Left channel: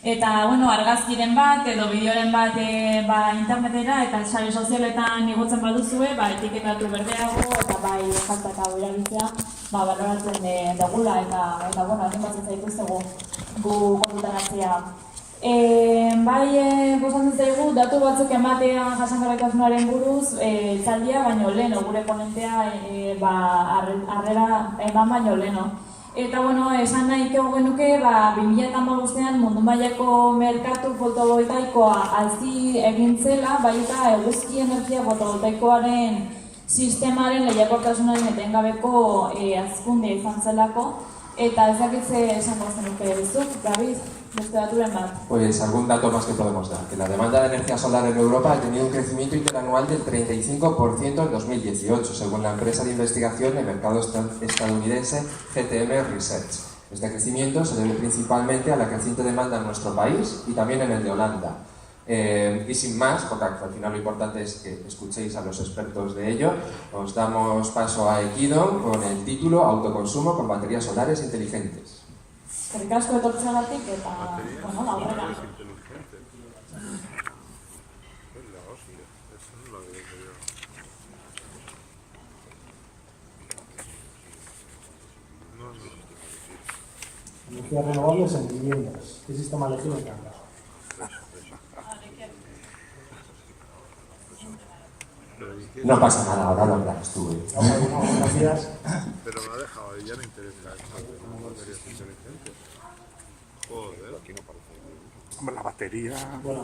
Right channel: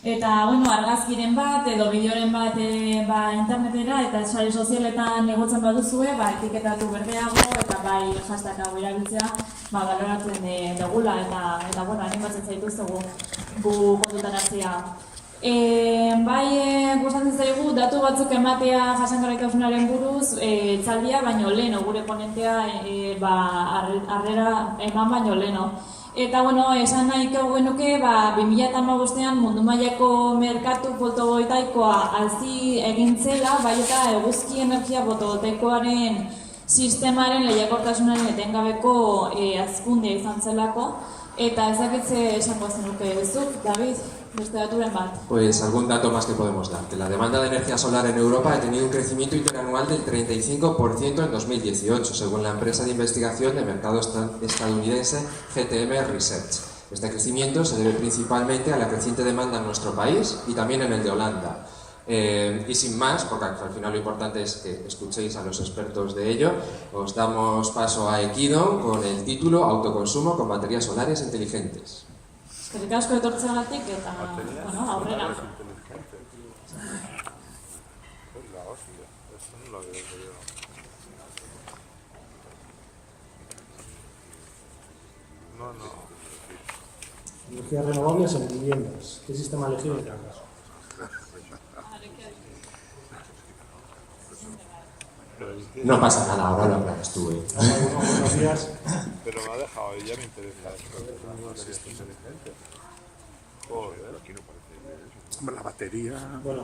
Eta, argazkiren bat edo bideoren bat internetera eta sare sozialetan igotzen baduzue, etiketatu berdeago eta hashtag hau erabiltzea baloratzen dugula eta animatzen zaituztegu gu kontutan hartzea. Gustatzen zaigu datu batzuk ematea jasangarritasunaren buruz etzaldia baino leheno, gure ponentea harrera eman baino leheno. Eta, esan nahiko genuke, 2015an mundu mailako merkatu fotovoltaikoa hazi egin zela, eta eguzki energia fotovoltaikoaren sistemaren lehiakortasunaren etengabeko hazkunde izan zelako. Eta ezakitze esango zenuke duzu, David, beste daturen bat. Pues algún dato más que podemos dar. Que la demanda de energía solar en Europa ha tenido un crecimiento interanual del 35% en 2018, según la empresa de investigación de mercado estadounidense GTM Research. Este crecimiento se debe principalmente a la creciente demanda en nuestro país y también en el de Holanda. Y sin más, porque al final lo importante es que escuchéis a los expertos de ello, os damos paso a Equidon con el título Autoconsumo con baterías solares inteligentes. Eskerrik asko etortzeagatik eta aurrera. Energías renovables en viviendas. ¿Qué sistema elegido? No pasa nada, ahora lo hablarás tú. Gracias. Pero me ha dejado, ya me interesa esto. Inteligente. Joder, aquí no parece. La batería. Bueno,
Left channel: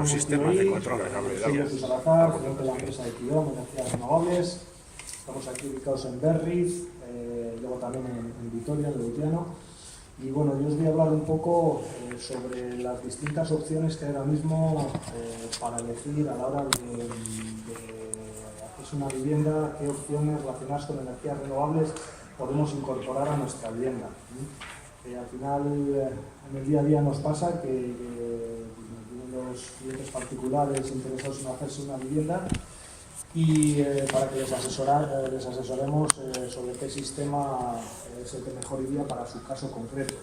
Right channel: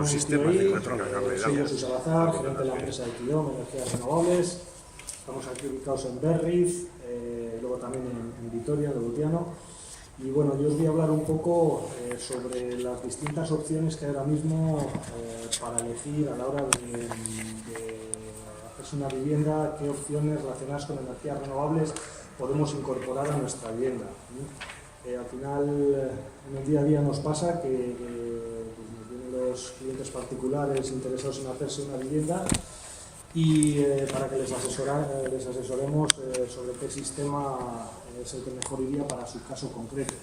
un sistema de control. Soy Jesús Salazar, gerente de la empresa de Equidon, Energías Renovables. Estamos aquí ubicados en Berriz, luego también en Vitoria, en Lutiano. Y bueno, yo os voy a hablar un poco sobre las distintas opciones que hay ahora mismo para elegir a la hora de hacerse una vivienda, qué opciones relacionadas con energías renovables podemos incorporar a nuestra vivienda. Al final, en el día a día nos pasa que nos vienen los clientes particulares interesados en hacerse una vivienda y para que les asesoremos sobre qué sistema es el que mejor iría para su caso concreto.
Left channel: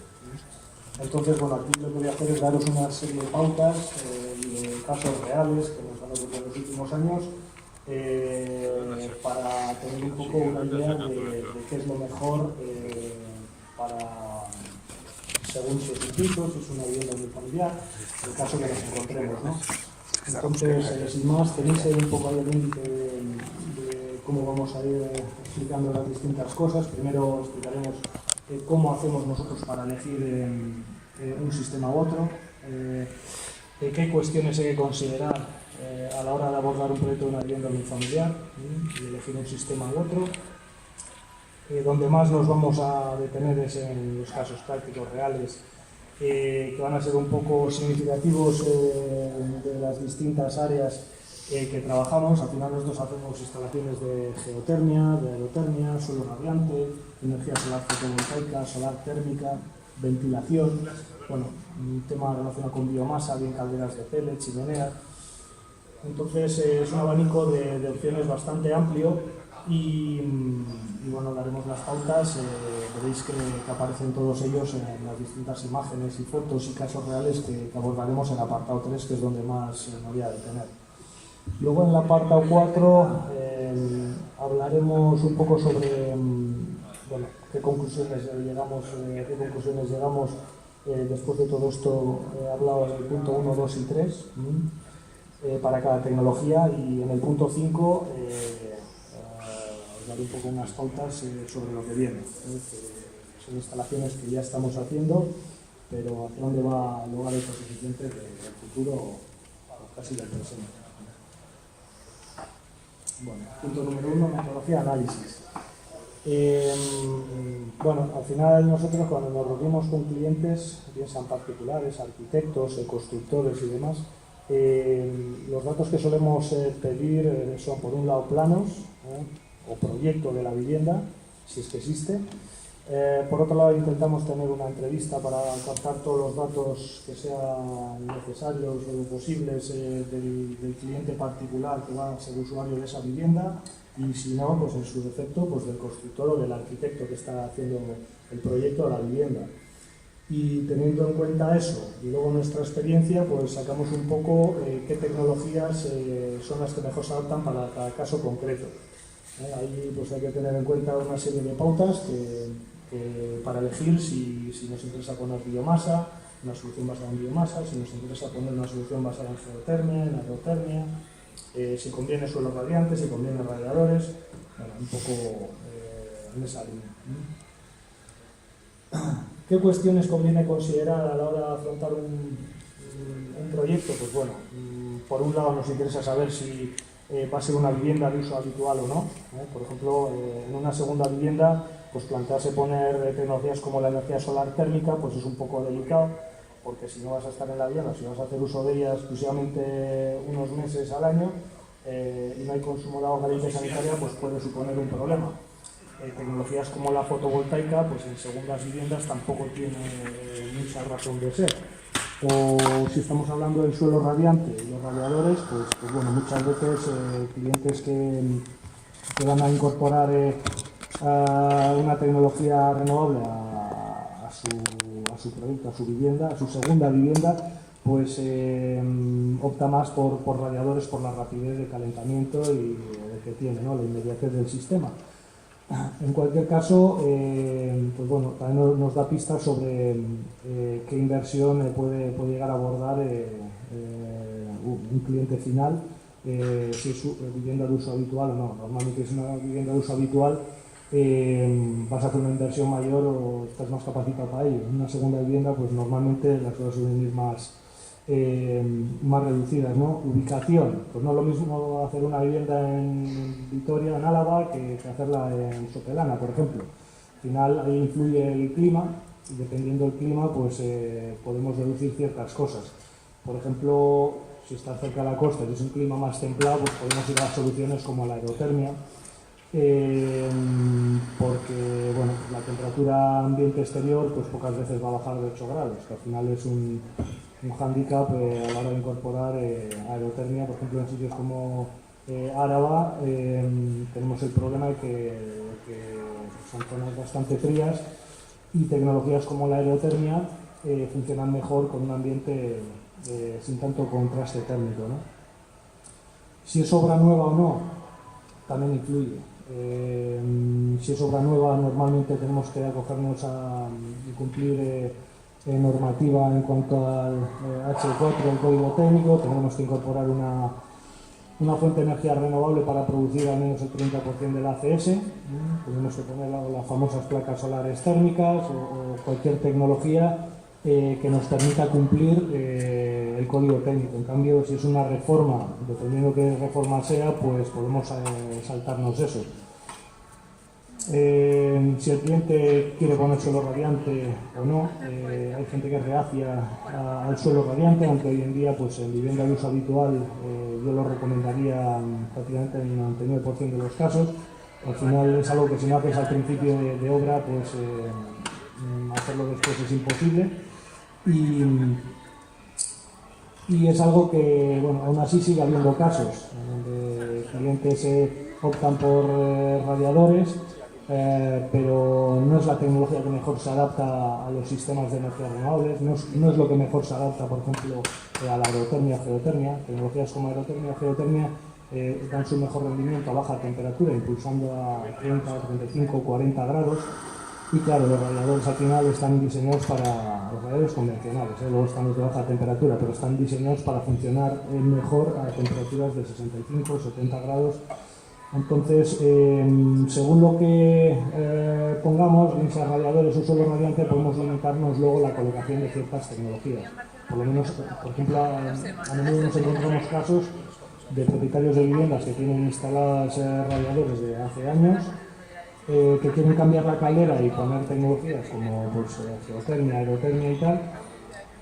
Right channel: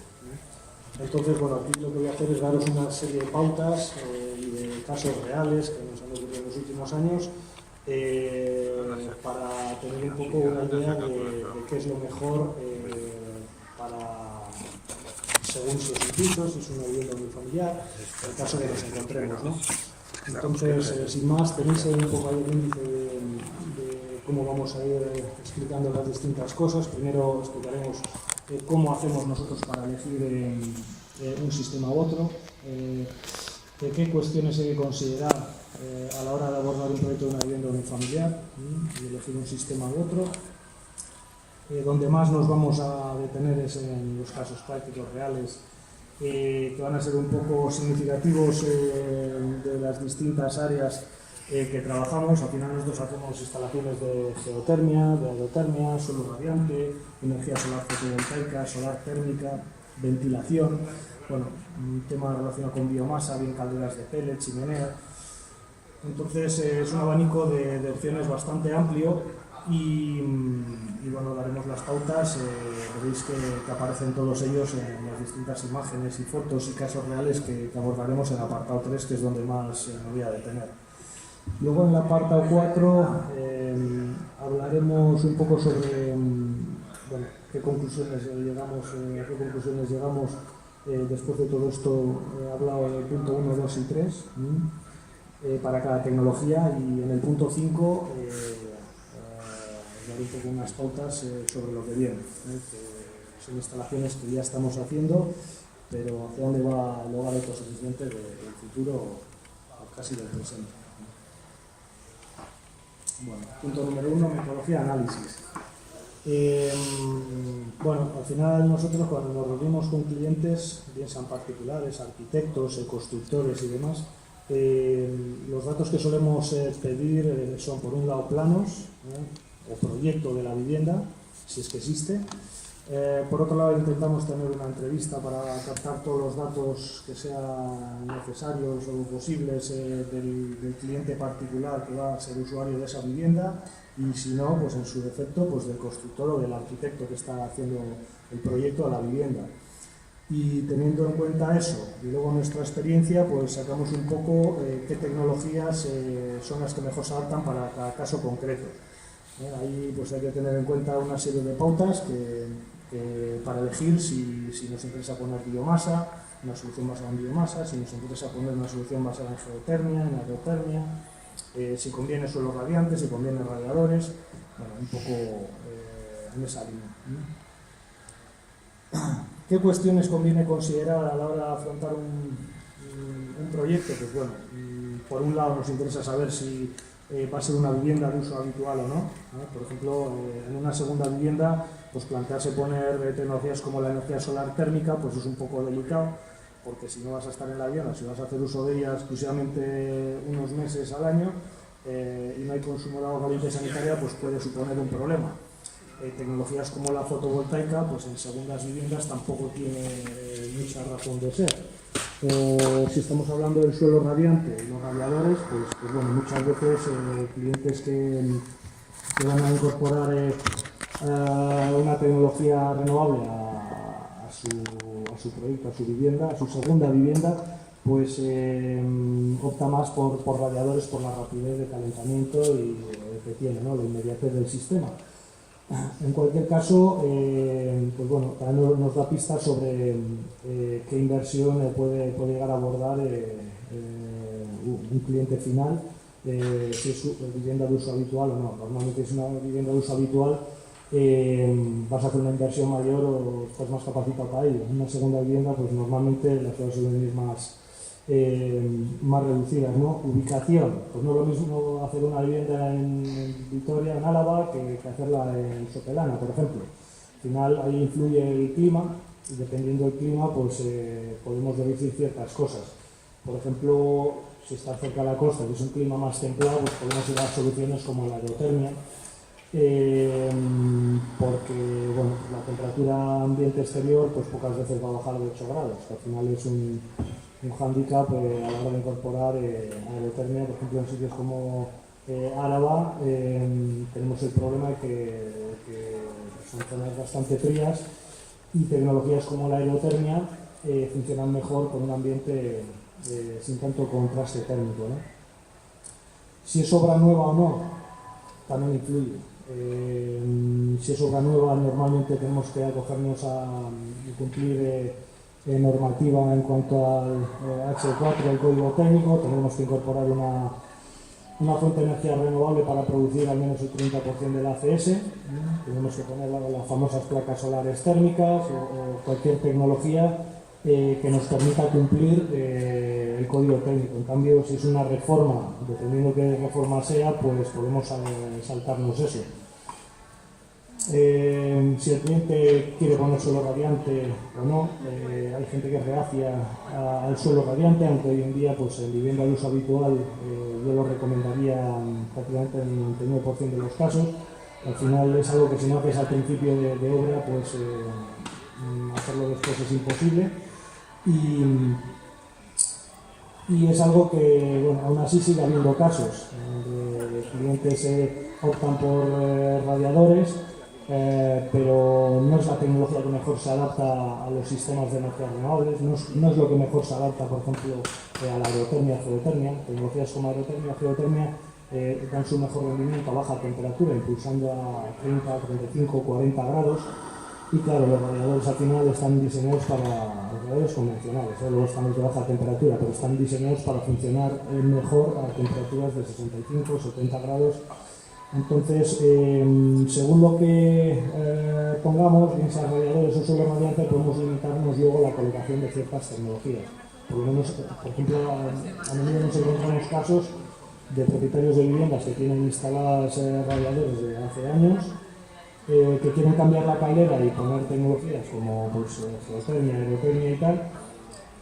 Entonces, aquí lo que voy a hacer es daros una serie de pautas y de casos reales que nos han ocurrido en los últimos años para tener un poco una idea de qué es lo mejor según si es un piso, si es una vivienda muy familiar, en el caso que nos encontremos, ¿no? Entonces, sin más, tenéis ahí un poco el índice de cómo vamos a ir explicando las distintas cosas. Primero explicaremos cómo hacemos nosotros para elegir un sistema u otro, qué cuestiones hay que considerar a la hora de abordar un proyecto de una vivienda unifamiliar y elegir un sistema u otro. Donde más nos vamos a detener es en los casos prácticos reales que van a ser un poco significativos de las distintas áreas que trabajamos. Al final nosotros hacemos instalaciones de geotermia, de aerotermia, suelo radiante, energía solar fotovoltaica, solar térmica, ventilación, un tema relacionado con biomasa, bien calderas de pellet, chimenea. Entonces es un abanico de opciones bastante amplio y daremos las pautas, veréis que aparecen todos ellos en las distintas imágenes y fotos y casos reales que abordaremos en el apartado 3, que es donde más me voy a detener. Luego en el apartado 4 hablaremos un poco sobre qué conclusiones llegamos después de todo esto. He hablado del punto 1, 2 y 3 para cada tecnología, y en el punto 5 dar un poco unas pautas sobre lo que viene, que son instalaciones que ya estamos haciendo, pero hacia dónde va el autosuficiente del futuro o casi del presente. Punto número 1, metodología, análisis. Al final nosotros cuando nos reunimos con clientes, bien sean particulares, arquitectos, constructores y demás, los datos que solemos pedir son, por un lado, planos o proyecto de la vivienda, si es que existe. Por otro lado, intentamos tener una entrevista para captar todos los datos que sean necesarios o posibles del cliente particular que va a ser usuario de esa vivienda, y si no, pues en su defecto, pues del constructor o del arquitecto que está haciendo el proyecto de la vivienda. Y teniendo en cuenta eso y luego nuestra experiencia, pues sacamos un poco qué tecnologías son las que mejor se adaptan para cada caso concreto. Ahí pues hay que tener en cuenta una serie de pautas para elegir si nos interesa poner biomasa, una solución basada en biomasa, si nos interesa poner una solución basada en geotermia, en aerotermia, si conviene suelos radiantes, si conviene radiadores, bueno, un poco en esa línea, ¿no? ¿Qué cuestiones conviene considerar a la hora de afrontar un proyecto? Pues bueno, por un lado nos interesa saber si va a ser una vivienda de uso habitual o no. Por ejemplo, en una segunda vivienda, pues plantearse poner tecnologías como la energía solar térmica, pues es un poco delicado, porque si no vas a estar en la vivienda, si vas a hacer uso de ella exclusivamente unos meses al año y no hay consumo de agua caliente sanitaria, pues puede suponer un problema. Tecnologías como la fotovoltaica, pues en segundas viviendas tampoco tiene mucha razón de ser. O si estamos hablando del suelo radiante y los radiadores, pues bueno, muchas veces clientes que van a incorporar una tecnología renovable a su proyecto, a su vivienda, a su segunda vivienda, pues opta más por radiadores, por la rapidez de calentamiento y que tiene, ¿no? La inmediatez del sistema. En cualquier caso, pues bueno, también nos da pistas sobre qué inversión puede llegar a abordar un cliente final, si es vivienda de uso habitual o no. Normalmente, si es una vivienda de uso habitual, vas a hacer una inversión mayor o estás más capacitado para ello. En una segunda vivienda, pues normalmente las cosas suelen ir más reducidas, ¿no? Ubicación, pues no es lo mismo hacer una vivienda en Vitoria, en Álava, que hacerla en Sopelana, por ejemplo. Al final ahí influye el clima y dependiendo del clima, pues podemos deducir ciertas cosas. Por ejemplo, si estás cerca de la costa y es un clima más templado, pues podemos ir a soluciones como la aerotermia, porque bueno, la temperatura ambiente exterior pues pocas veces va a bajar de 8 grados, que al final es un hándicap a la hora de incorporar aerotermia. Por ejemplo, en sitios como Áraba tenemos el problema de que son zonas bastante frías y tecnologías como la aerotermia funcionan mejor con un ambiente sin tanto contraste térmico, ¿no? Si es obra nueva o no, también influye. Si es obra nueva, normalmente tenemos que acogernos a cumplir normativa en cuanto al H4, el código técnico. Tendremos que incorporar una fuente de energía renovable para producir al menos el 30% del ACS. Tenemos que tener las famosas placas solares térmicas o cualquier tecnología que nos permita cumplir el código técnico. En cambio, si es una reforma, dependiendo qué reforma sea, pues podemos saltarnos eso. Si el cliente quiere poner suelo radiante o no, hay gente que es reacia al suelo radiante, aunque hoy en día pues en vivienda de uso habitual yo lo recomendaría prácticamente en el 99% de los casos. Al final es algo que si no haces al principio de obra, pues hacerlo después es imposible y es algo que, bueno, aún así sigue habiendo casos donde clientes optan por radiadores, pero no es la tecnología que mejor se adapta a los sistemas de energía renovables, no es lo que mejor se adapta, por ejemplo, a la aerotermia, geotermia. Tecnologías como aerotermia, geotermia dan su mejor rendimiento a baja temperatura, impulsando a 30, 35, 40 grados. Y claro, los radiadores al final están diseñados para los radiadores convencionales, luego están los de baja temperatura, pero están diseñados para funcionar mejor a temperaturas de 65, 70 grados. Entonces, según lo que pongamos, bien sea radiadores o suelo radiante, podemos limitarnos luego la colocación de ciertas tecnologías. Por lo menos, por ejemplo, a menudo nos encontramos casos de propietarios de viviendas que tienen instaladas radiadores de hace años, que quieren cambiar la caldera y poner tecnologías como pues, geotermia, aerotermia y tal,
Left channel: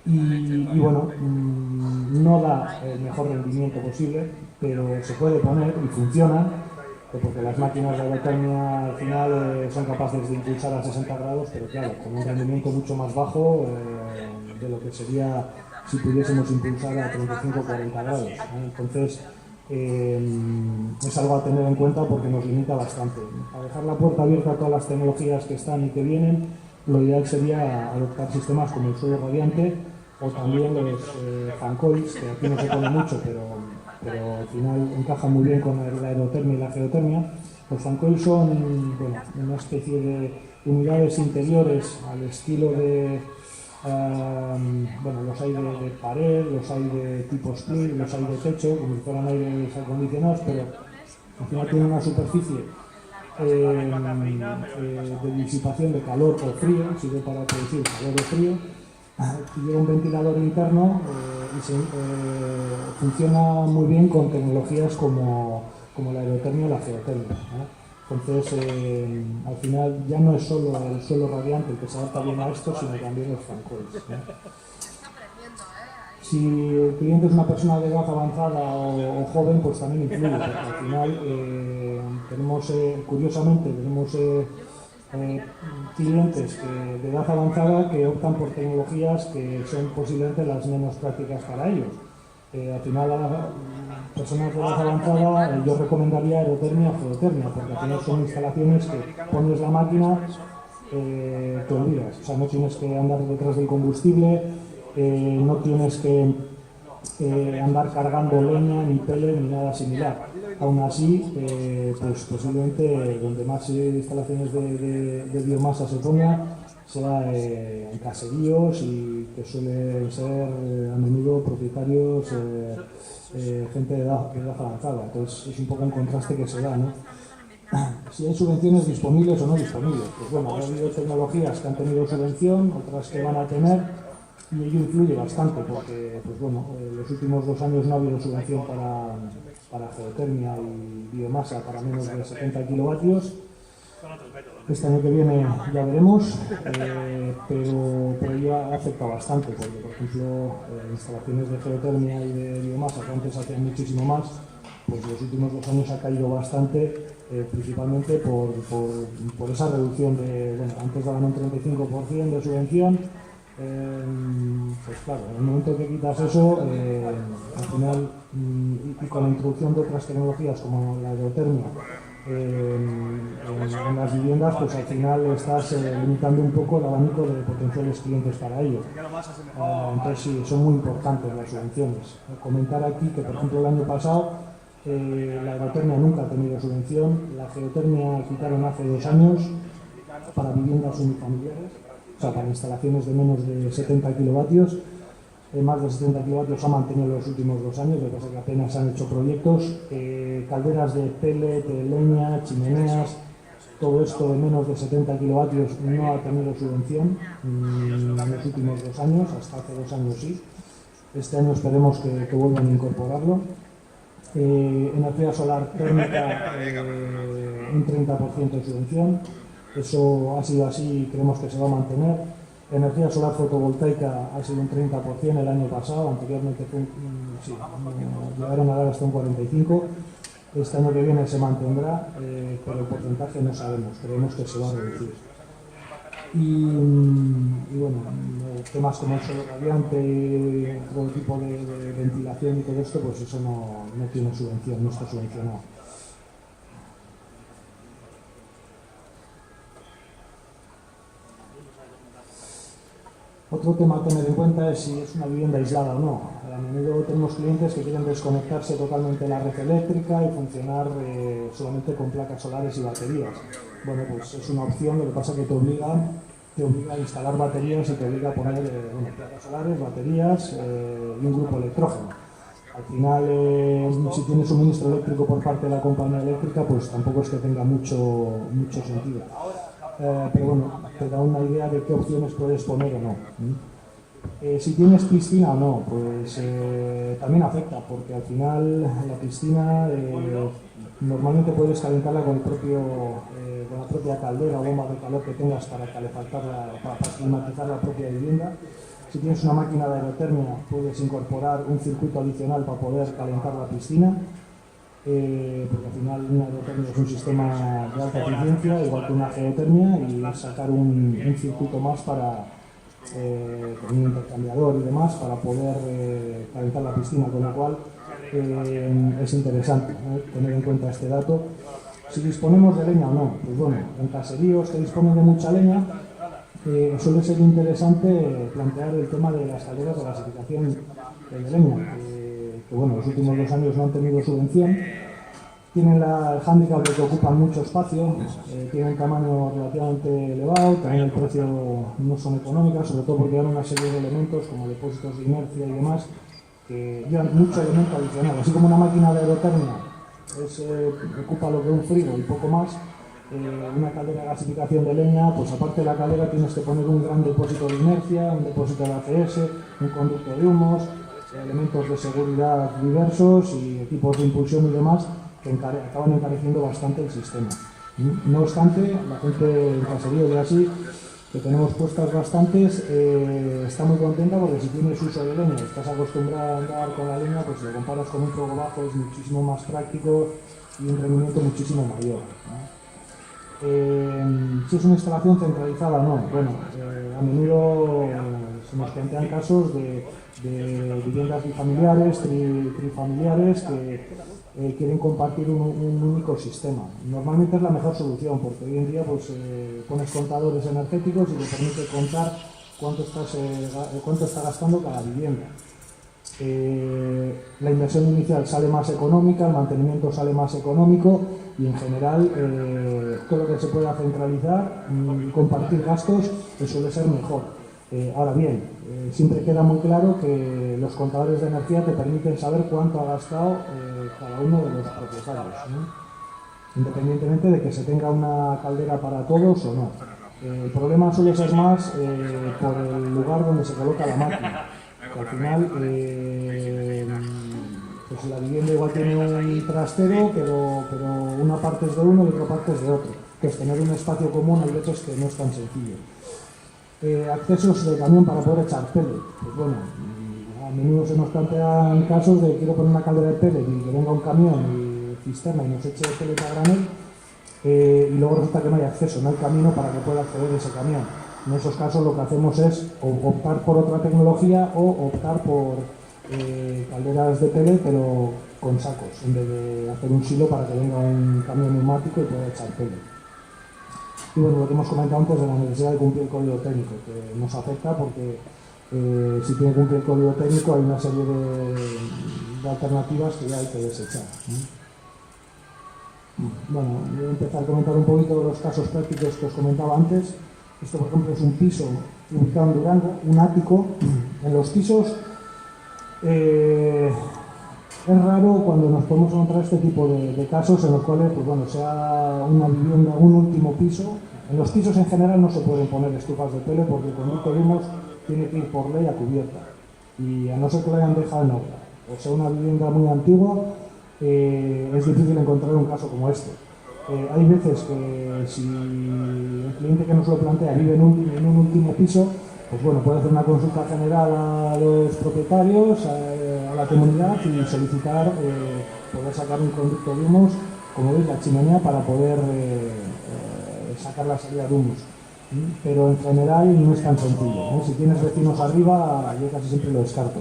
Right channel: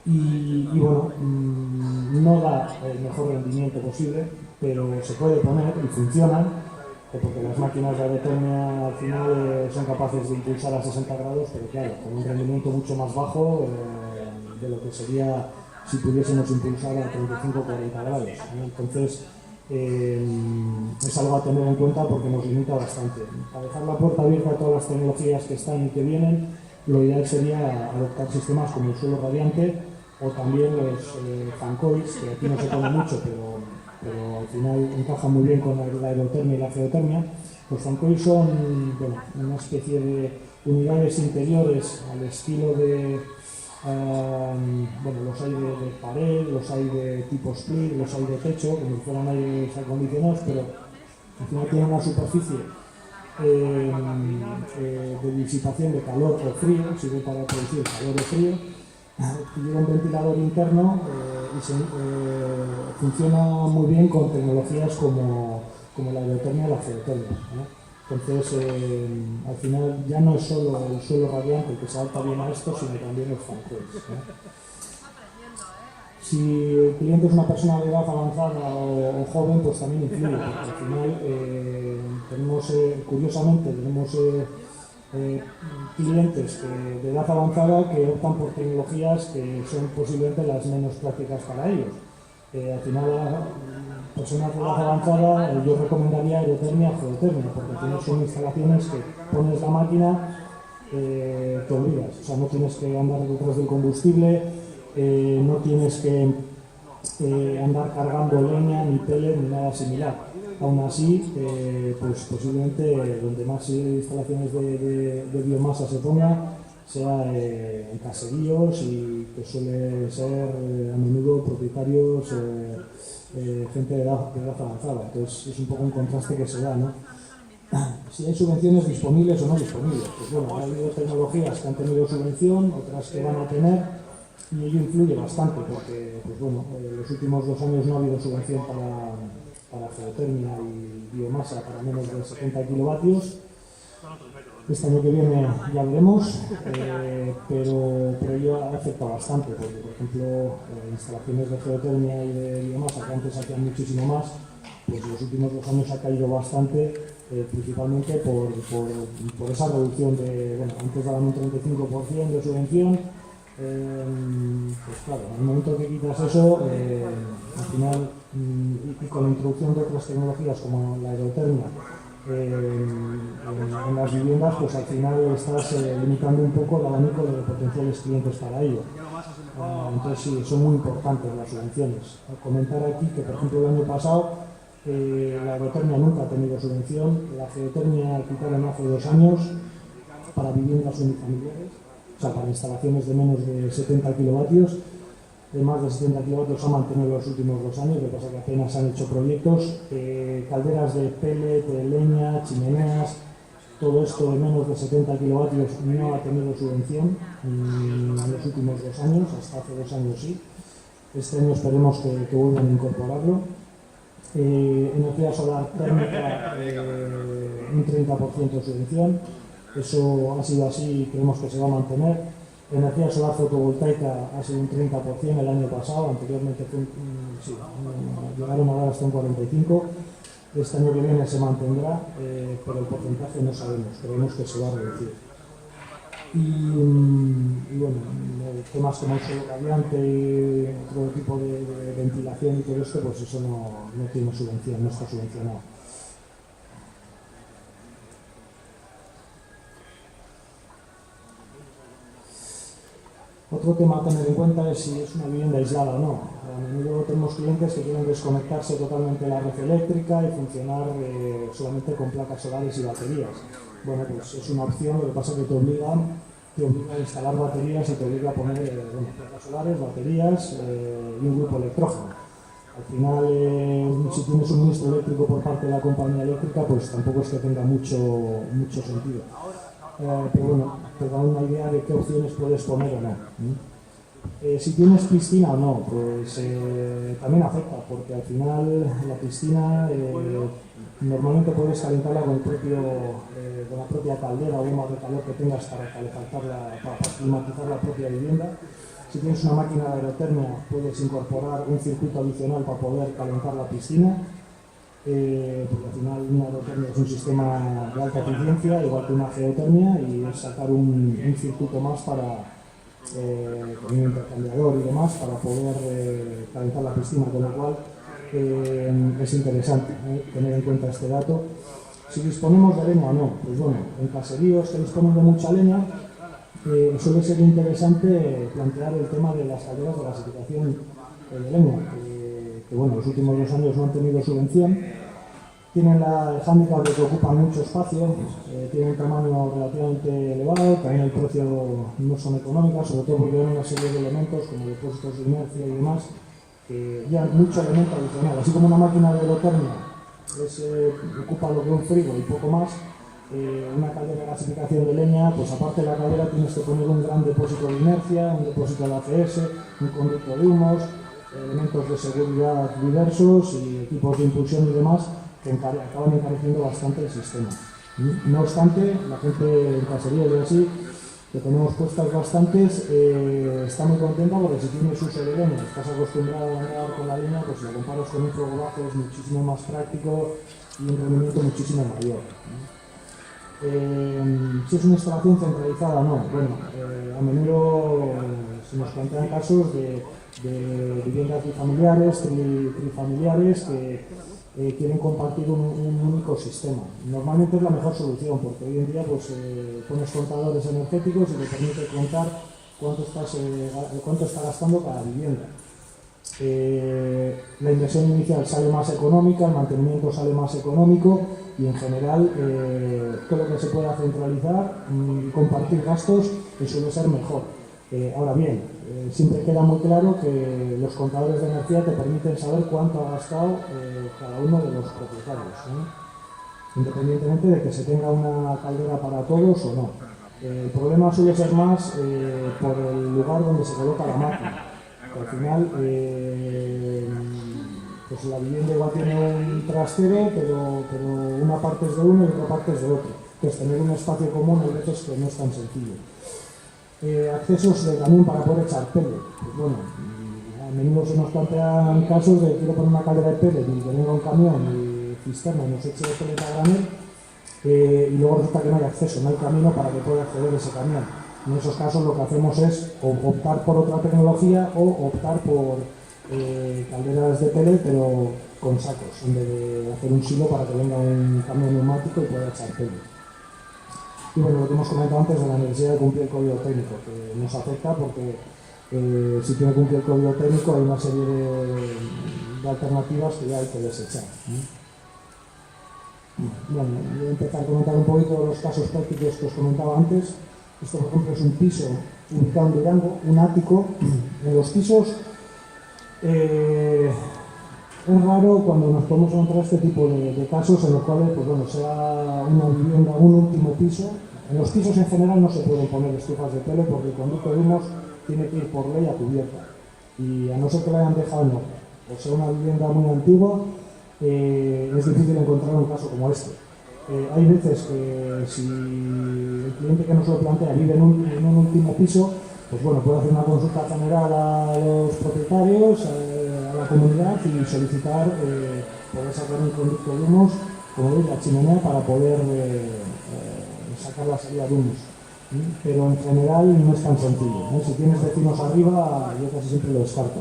y bueno, no da el mejor rendimiento posible, pero se puede poner y funcionan, porque las máquinas de aerotermia al final son capaces de impulsar a 60 grados, pero claro, con un rendimiento mucho más bajo de lo que sería si pudiésemos impulsar a 35 o 40 grados, ¿no? Entonces, es algo a tener en cuenta porque nos limita bastante. A dejar la puerta abierta a todas las tecnologías que están y que vienen, lo ideal sería adoptar sistemas como el suelo radiante o también los fancoils, que aquí no se pone mucho, pero al final encaja muy bien con la aerotermia y la geotermia. Los fancoils son, bueno, una especie de unidades interiores al estilo de, bueno, los hay de pared, los hay de tipo split, los hay de techo, como si fueran aires acondicionados, pero al final tienen una superficie de disipación de calor o frío, sirve para producir calor o frío, tiene un ventilador interno y funciona muy bien con tecnologías como la aerotermia o la geotermia, ¿no? Entonces, al final ya no es solo el suelo radiante el que se adapta bien a esto, sino también los fancoils, ¿no? Si el cliente es una persona de edad avanzada o joven, pues también influye, porque al final tenemos, curiosamente, clientes de edad avanzada que optan por tecnologías que son posiblemente las menos prácticas para ellos. Al final, personas de edad avanzada, yo recomendaría aerotermia o geotermia, porque al final son instalaciones que pones la máquina, te olvidas, o sea, no tienes que andar detrás del combustible, no tienes que andar cargando leña, ni pellet, ni nada similar. Aún así, pues posiblemente donde más instalaciones de biomasa se ponga sea en caseríos, y que suele ser a menudo propietarios, gente de edad avanzada. Entonces es un poco un contraste que se da, ¿no? Si hay subvenciones disponibles o no disponibles. Pues bueno, ha habido tecnologías que han tenido subvención, otras que van a tener, y ello influye bastante porque, pues bueno, los últimos 2 años no ha habido subvención para geotermia y biomasa para menos de 70 kilovatios. Este año que viene ya veremos, pero ya afecta bastante porque, por ejemplo, instalaciones de geotermia y de biomasa que antes hacían muchísimo más, pues los últimos 2 años ha caído bastante, principalmente por esa reducción de, bueno, antes daban un 35% de subvención. Pues claro, en el momento que quitas eso, al final, y con la introducción de otras tecnologías como la aerotermia en las viviendas, pues al final estás limitando un poco el abanico de potenciales clientes para ello. Entonces sí, son muy importantes las subvenciones. Comentar aquí que, por ejemplo, el año pasado la aerotermia nunca ha tenido subvención, la geotermia quitaron hace 2 años para viviendas unifamiliares, o sea, para instalaciones de menos de 70 kilovatios. Más de 70 kilovatios se ha mantenido en los últimos 2 años, lo que pasa es que apenas han hecho proyectos. Calderas de pellet, de leña, chimeneas, todo esto de menos de 70 kilovatios no ha tenido subvención en los últimos 2 años, hasta hace 2 años sí. Este año esperemos que vuelvan a incorporarlo. Energía solar térmica, un 30% de subvención. Eso ha sido así y creemos que se va a mantener. Energía solar fotovoltaica ha sido un 30% el año pasado, anteriormente llegaron a dar hasta un 45%. Este año que viene se mantendrá, pero el porcentaje no sabemos, creemos que se va a reducir. Y bueno, temas como el suelo radiante, otro tipo de ventilación y todo esto, pues eso no tiene subvención, no está subvencionado. Otro tema a tener en cuenta es si es una vivienda aislada o no. A menudo tenemos clientes que quieren desconectarse totalmente de la red eléctrica y funcionar solamente con placas solares y baterías. Bueno, pues es una opción, lo que pasa es que te obliga a instalar baterías y te obliga a poner placas solares, baterías y un grupo electrógeno. Al final, si tienes suministro eléctrico por parte de la compañía eléctrica, pues tampoco es que tenga mucho sentido. Pero bueno, te da una idea de qué opciones puedes poner o no. Si tienes piscina o no, pues también afecta, porque al final la piscina normalmente puedes calentarla con la propia caldera o bomba de calor que tengas para climatizar la propia vivienda. Si tienes una máquina de aerotermia, puedes incorporar un circuito adicional para poder calentar la piscina. Porque al final una aerotermia es un sistema de alta eficiencia, igual que una geotermia, y sacar un circuito más con un intercambiador y demás para poder calentar la piscina, con lo cual es interesante tener en cuenta este dato. Si disponemos de leña o no, pues bueno, en caseríos que disponen de mucha leña, suele ser interesante plantear el tema de las calderas de gasificación de leña, que bueno, los últimos 2 años no han tenido subvención. Tienen el hándicap de que ocupan mucho espacio, tienen un tamaño relativamente elevado, también el precio no son económicas, sobre todo porque dan una serie de elementos como depósitos de inercia y demás, que llevan mucho elemento adicional. Así como una máquina de aerotermia ocupa lo que un frigo y poco más, una caldera de gasificación de leña, pues aparte de la caldera tienes que poner un gran depósito de inercia, un depósito de ACS, un conducto de humos, elementos de seguridad diversos y equipos de impulsión y demás, que acaban encareciendo bastante el sistema. No obstante, la gente en caseríos y así, que tenemos puestas bastantes, está muy contenta porque si tienes uso de leña y estás acostumbrado a andar con la leña, pues si lo comparas con un fuego bajo es muchísimo más práctico y un rendimiento muchísimo mayor, ¿no? Si es una instalación centralizada o no, bueno, a menudo se nos plantean casos de viviendas bifamiliares, trifamiliares que quieren compartir un único sistema. Normalmente es la mejor solución porque hoy en día pues, pones contadores energéticos y te permite contar cuánto está gastando cada vivienda. La inversión inicial sale más económica, el mantenimiento sale más económico y en general todo lo que se pueda centralizar y compartir gastos suele ser mejor. Ahora bien, siempre queda muy claro que los contadores de energía te permiten saber cuánto ha gastado cada uno de los propietarios, ¿no? Independientemente de que se tenga una caldera para todos o no. El problema suele ser más por el lugar donde se coloca la máquina. Que al final pues la vivienda igual tiene un trastero, pero una parte es de uno y otra parte es de otro, que es tener un espacio común hay veces que no es tan sencillo. Accesos de camión para poder echar pellet, pues bueno, a menudo se nos plantean casos de quiero poner una caldera de pellet y que venga un camión y cisterna y nos eche pellet a granel, y luego resulta que no hay acceso, no hay camino para que pueda acceder ese camión. En esos casos lo que hacemos es optar por otra tecnología o optar por calderas de pellet pero con sacos, en vez de hacer un silo para que venga un camión neumático y pueda echar pellet. Y bueno, lo que hemos comentado antes de la necesidad de cumplir el código técnico, que nos afecta porque si tiene que cumplir el código técnico hay una serie de alternativas que ya hay que desechar, ¿no? Bueno, voy a empezar a comentar un poquito de los casos prácticos que os comentaba antes. Esto, por ejemplo, es un piso ubicado en Durango, un ático. En los pisos es raro cuando nos podemos encontrar este tipo de casos en los cuales, pues bueno, sea una vivienda, un último piso. En los pisos en general no se pueden poner estufas de pellet porque el conducto de humos tiene que ir por ley a cubierta. Y a no ser que lo hayan dejado en obra, o sea, una vivienda muy antigua, es difícil encontrar un caso como este. Hay veces que si el cliente que nos lo plantea vive en un último piso, pues bueno, puede hacer una consulta general a los propietarios, a la comunidad y solicitar poder sacar un conducto de humos, como veis, la chimenea, para poder sacar la salida de humos. Pero en general no es tan sencillo, ¿no? Si tienes vecinos arriba, yo casi siempre lo descarto.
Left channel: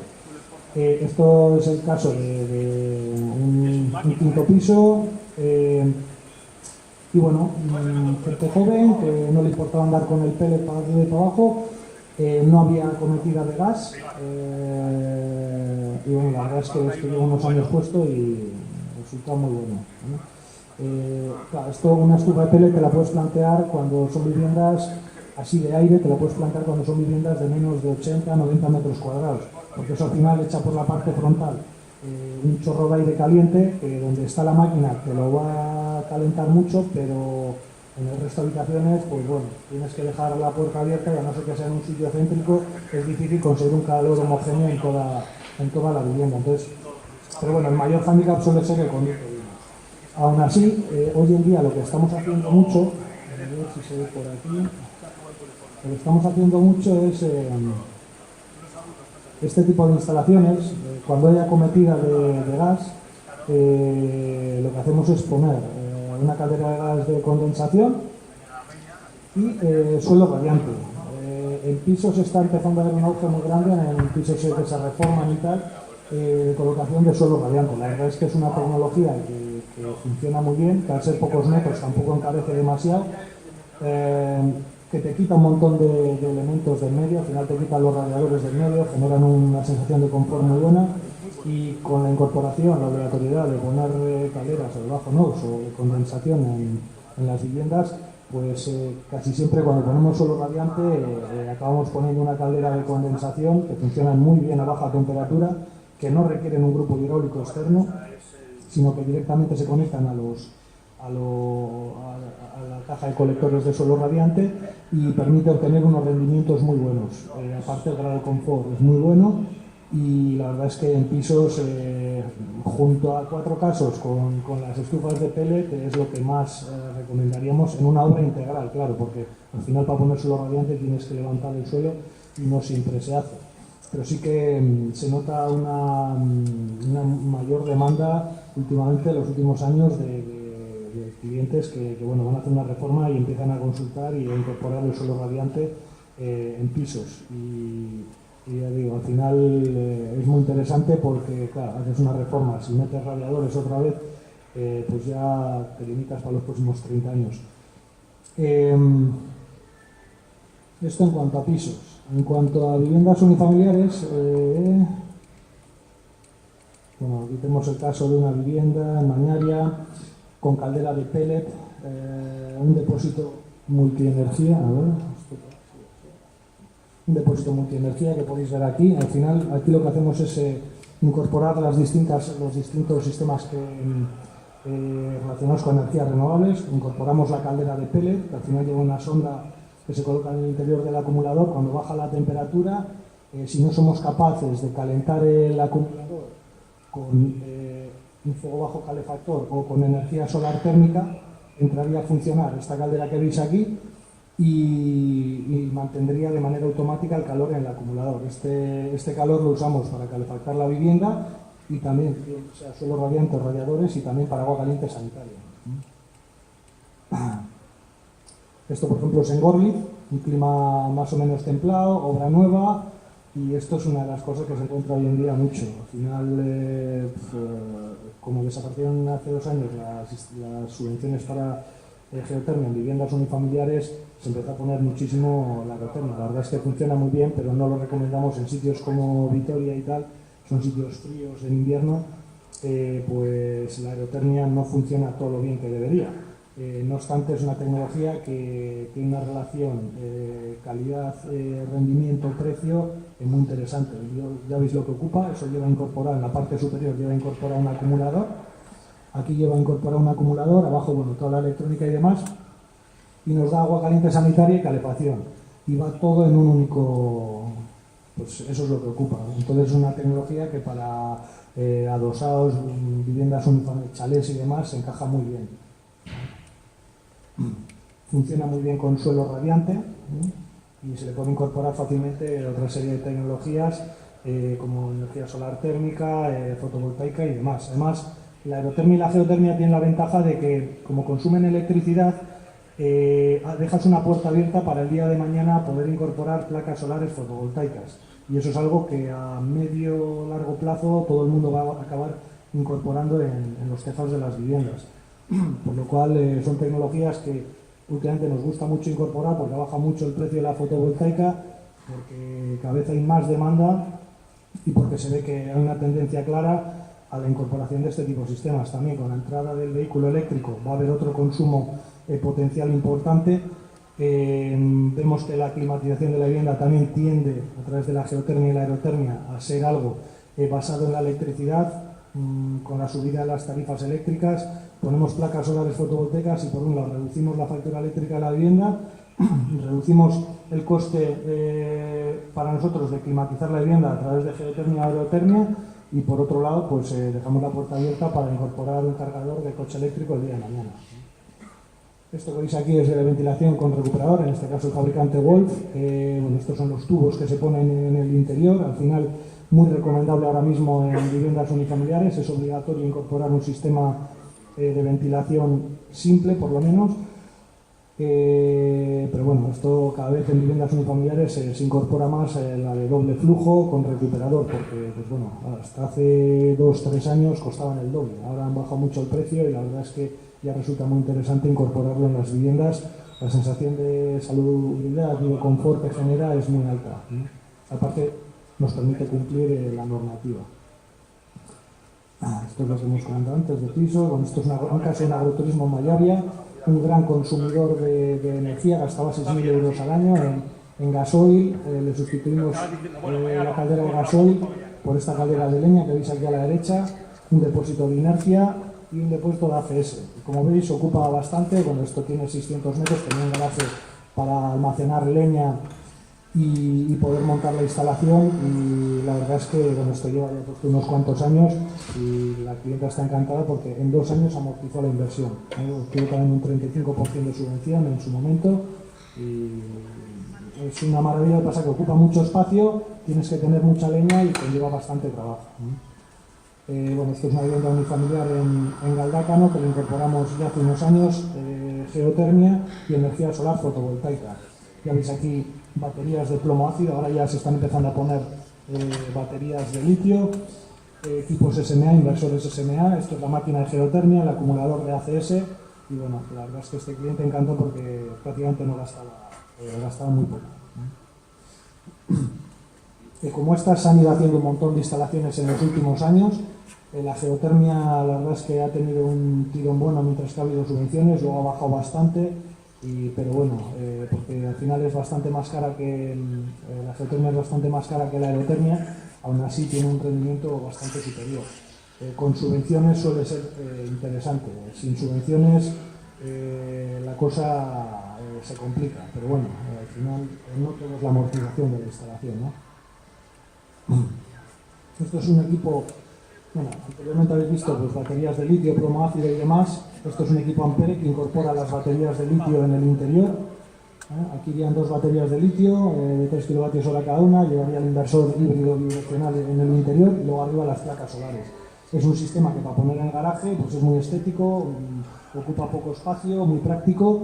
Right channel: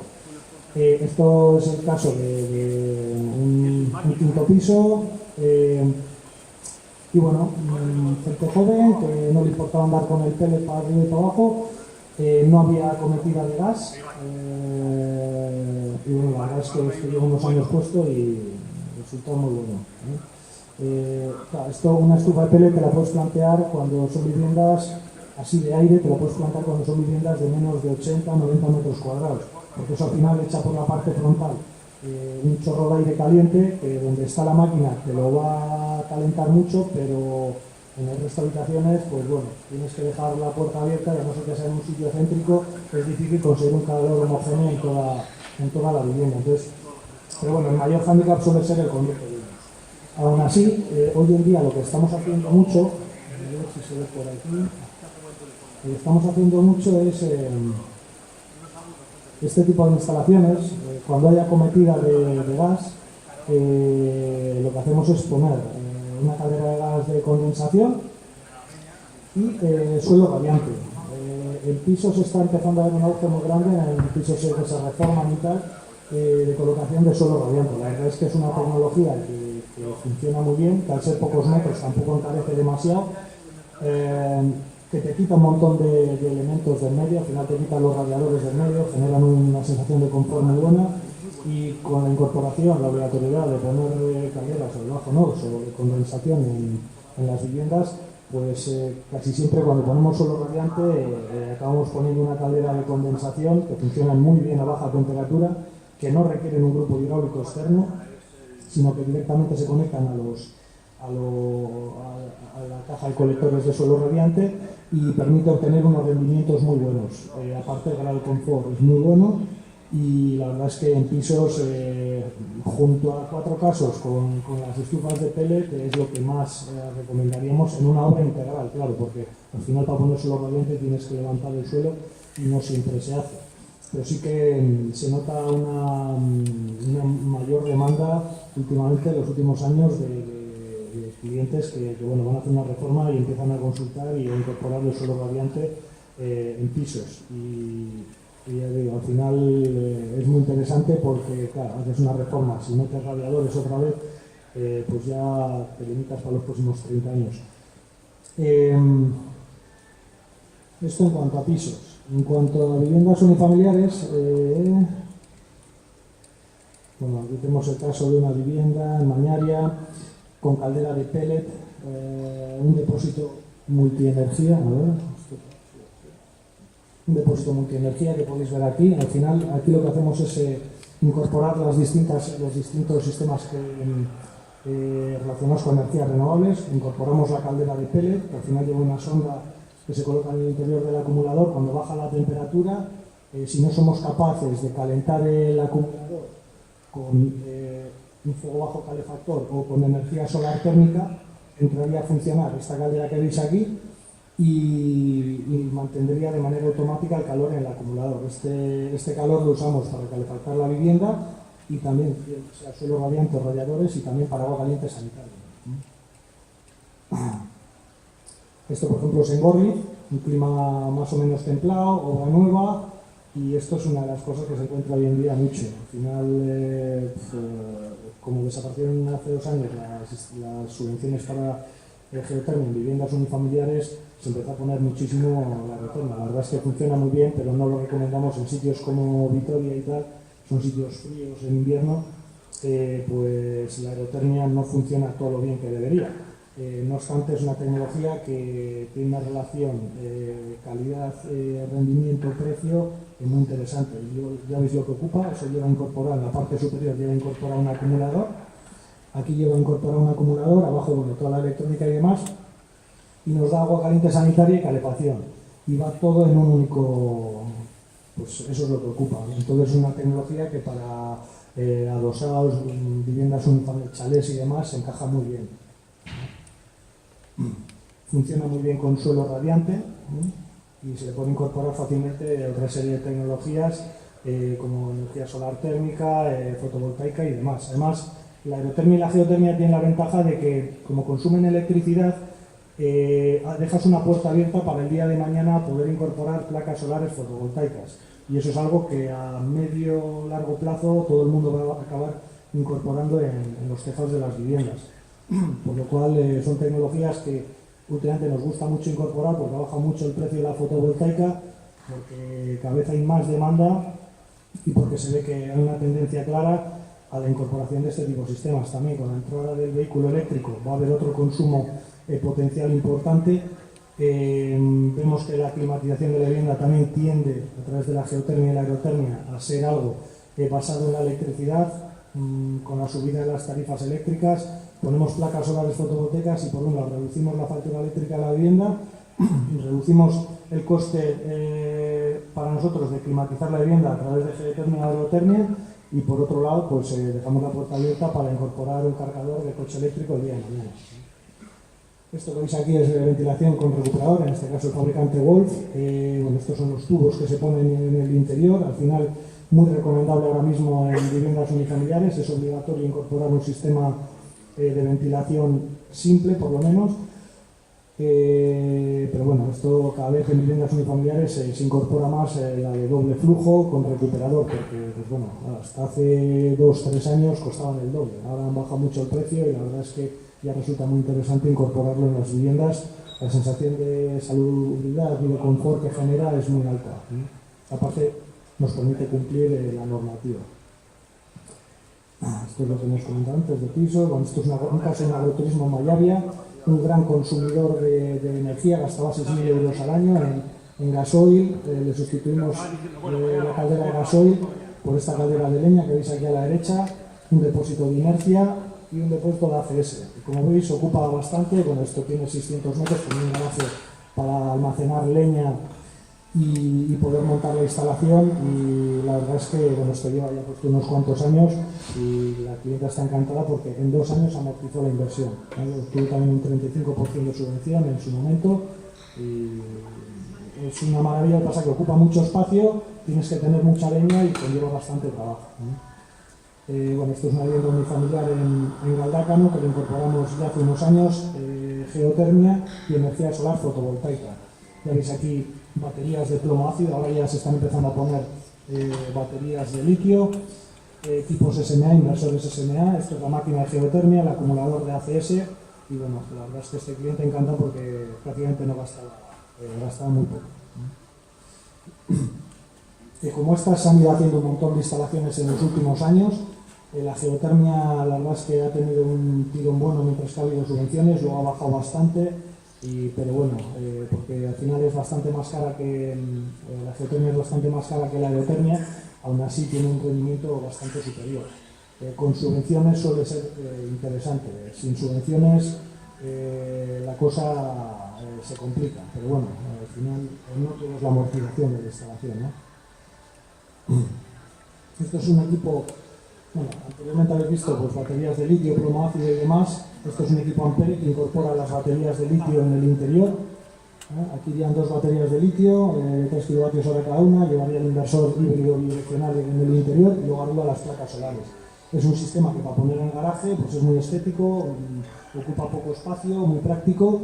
Esto es el caso de un quinto piso. Y bueno, gente joven que no le importaba andar con el pellet para arriba y para abajo, no había acometida de gas, y bueno, la verdad es que llevo unos años puesto y resulta muy bueno, ¿eh? Claro, esto, una estufa de pellet te la puedes plantear cuando son viviendas así de aire, te la puedes plantear cuando son viviendas de menos de 80-90 metros cuadrados, porque eso al final echa por la parte frontal un chorro de aire caliente que donde está la máquina te lo va a calentar mucho, pero en el resto de habitaciones, pues bueno, tienes que dejar la puerta abierta y a no ser que sea en un sitio céntrico, es difícil conseguir un calor homogéneo en toda la vivienda. Entonces, pero bueno, el mayor hándicap suele ser el conducto de humos. Aún así, hoy en día lo que estamos haciendo mucho, a ver si se ve por aquí, lo que estamos haciendo mucho es este tipo de instalaciones, cuando haya acometida de gas, lo que hacemos es poner una caldera de gas de condensación y suelo radiante. En pisos está empezando a haber un auge muy grande, en pisos que se reforman y tal, de colocación de suelo radiante. La verdad es que es una tecnología que funciona muy bien, que al ser pocos metros tampoco encarece demasiado. que te quita un montón de elementos del medio, al final te quita los radiadores del medio, generan una sensación de confort muy buena, y con la incorporación, la obligatoriedad de poner calderas de bajo NOx o de condensación en las viviendas, pues casi siempre cuando ponemos suelo radiante acabamos poniendo una caldera de condensación que funciona muy bien a baja temperatura, que no requieren un grupo hidráulico externo, sino que directamente se conectan a la caja de colectores de suelo radiante y permite obtener unos rendimientos muy buenos. Aparte el grado de confort es muy bueno, y la verdad es que en pisos, junto a 4 casos con las estufas de pellet, es lo que más recomendaríamos en una obra integral, claro, porque al final para poner suelo radiante tienes que levantar el suelo y no siempre se hace. Pero sí que se nota una mayor demanda últimamente, en los últimos años, de clientes que bueno, van a hacer una reforma y empiezan a consultar y a incorporar el suelo radiante en pisos. Y ya digo, al final es muy interesante porque, claro, haces una reforma, si metes radiadores otra vez, pues ya te limitas para los próximos 30 años. Esto en cuanto a pisos. En cuanto a viviendas unifamiliares, bueno, aquí tenemos el caso de una vivienda en Mañaria con caldera de pellet, un depósito multienergía, un depósito multienergía que podéis ver aquí. Al final, aquí lo que hacemos es incorporar los distintos sistemas relacionados con energías renovables. Incorporamos la caldera de pellet, que al final lleva una sonda que se coloca en el interior del acumulador. Cuando baja la temperatura, si no somos capaces de calentar el acumulador con un fuego bajo calefactor o con energía solar térmica, entraría a funcionar esta caldera que veis aquí y mantendría de manera automática el calor en el acumulador. Este calor lo usamos para calefactar la vivienda y también, sea suelo radiante o radiadores, y también para agua caliente sanitaria. Esto, por ejemplo, es en Gorliz, un clima más o menos templado, obra nueva, y esto es una de las cosas que se encuentra hoy en día mucho. Al final, como desaparecieron hace 2 años las subvenciones para geotermia en viviendas unifamiliares, se empezó a poner muchísimo la aerotermia. La verdad es que funciona muy bien, pero no lo recomendamos en sitios como Vitoria y tal, son sitios fríos en invierno, pues la aerotermia no funciona todo lo bien que debería. No obstante, es una tecnología que tiene una relación calidad-rendimiento-precio muy interesante. Ya veis lo que ocupa. Eso lleva a incorporar, en la parte superior lleva a incorporar un acumulador, aquí lleva a incorporar un acumulador, abajo bueno, toda la electrónica y demás, y nos da agua caliente sanitaria y calefacción, y va todo en un único, pues eso es lo que ocupa. Entonces es una tecnología que para adosados, viviendas unifamiliares, chalés y demás se encaja muy bien. Funciona muy bien con suelo radiante y se le puede incorporar fácilmente otra serie de tecnologías como energía solar térmica, fotovoltaica y demás. Además, la aerotermia y la geotermia tienen la ventaja de que, como consumen electricidad, dejas una puerta abierta para el día de mañana poder incorporar placas solares fotovoltaicas. Y eso es algo que a medio largo plazo todo el mundo va a acabar incorporando en los tejados de las viviendas. Por lo cual son tecnologías que últimamente nos gusta mucho incorporar porque baja mucho el precio de la fotovoltaica, porque cada vez hay más demanda y porque se ve que hay una tendencia clara a la incorporación de este tipo de sistemas. También con la entrada del vehículo eléctrico va a haber otro consumo potencial importante. Vemos que la climatización de la vivienda también tiende, a través de la geotermia y la aerotermia, a ser algo basado en la electricidad. Con la subida de las tarifas eléctricas, ponemos placas solares fotovoltaicas y por un lado reducimos la factura eléctrica de la vivienda, reducimos el coste para nosotros de climatizar la vivienda a través de geotermia y aerotermia, y por otro lado pues dejamos la puerta abierta para incorporar un cargador de coche eléctrico el día de mañana. Esto que veis aquí es de ventilación con recuperador, en este caso el fabricante Wolf. Bueno, estos son los tubos que se ponen en el interior. Al final, muy recomendable ahora mismo en viviendas unifamiliares. Es obligatorio incorporar un sistema de ventilación simple, por lo menos. Pero bueno, esto cada vez en viviendas unifamiliares se incorpora más la de doble flujo con recuperador, porque pues bueno, hasta hace 2-3 años costaban el doble. Ahora han bajado mucho el precio y la verdad es que ya resulta muy interesante incorporarlo en las viviendas la sensación de salubridad y de confort que genera es muy alta. Aparte, nos permite cumplir la normativa. Esto es lo que hemos comentado antes de pisos. Bueno, esto es un caso en agroturismo en Mayavia, un gran consumidor de energía, gastaba 6.000 euros al año en gasoil. Le sustituimos la caldera de gasoil por esta caldera de leña que veis aquí a la derecha, un depósito de inercia y un depósito de ACS. Como veis, ocupa bastante. Bueno, esto tiene 600 metros, tenía un garaje para almacenar leña y poder montar la instalación, y la verdad es que bueno, esto lleva ya puesto unos cuantos años y la clienta está encantada porque en 2 años amortizó la inversión. Obtuvo también un 35% de subvención en su momento y es una maravilla. Lo que pasa es que ocupa mucho espacio, tienes que tener mucha leña y conlleva bastante trabajo. Bueno, esto es una vivienda unifamiliar en Galdácano que lo incorporamos ya hace unos años, geotermia y energía solar fotovoltaica. Ya veis aquí baterías de plomo ácido, ahora ya se están empezando a poner baterías de litio, tipos SMA, inversores SMA. Esto es la máquina de geotermia, el acumulador de ACS, y bueno, la verdad es que este cliente encanta porque prácticamente no gastaba muy poco. Como estas se han ido haciendo un montón de instalaciones en los últimos años, la geotermia la verdad es que ha tenido un tirón bueno mientras que ha habido subvenciones, luego ha bajado bastante. Pero bueno, porque al final es bastante más cara que la geotermia, es bastante más cara que la aerotermia, aún así tiene un rendimiento bastante superior. Con subvenciones suele ser interesante, sin subvenciones la cosa se complica, pero bueno, al final no todo es la amortización de la instalación, ¿no? Esto es un equipo, bueno, anteriormente habéis visto pues, baterías de litio, plomo ácido y demás. Esto es un equipo Ampere que incorpora las baterías de litio en el interior. Aquí irían 2 baterías de litio de 3 kWh cada una, llevaría el inversor híbrido bidireccional en el interior y luego arriba las placas solares. Es un sistema que para poner en el garaje pues es muy estético, ocupa poco espacio, muy práctico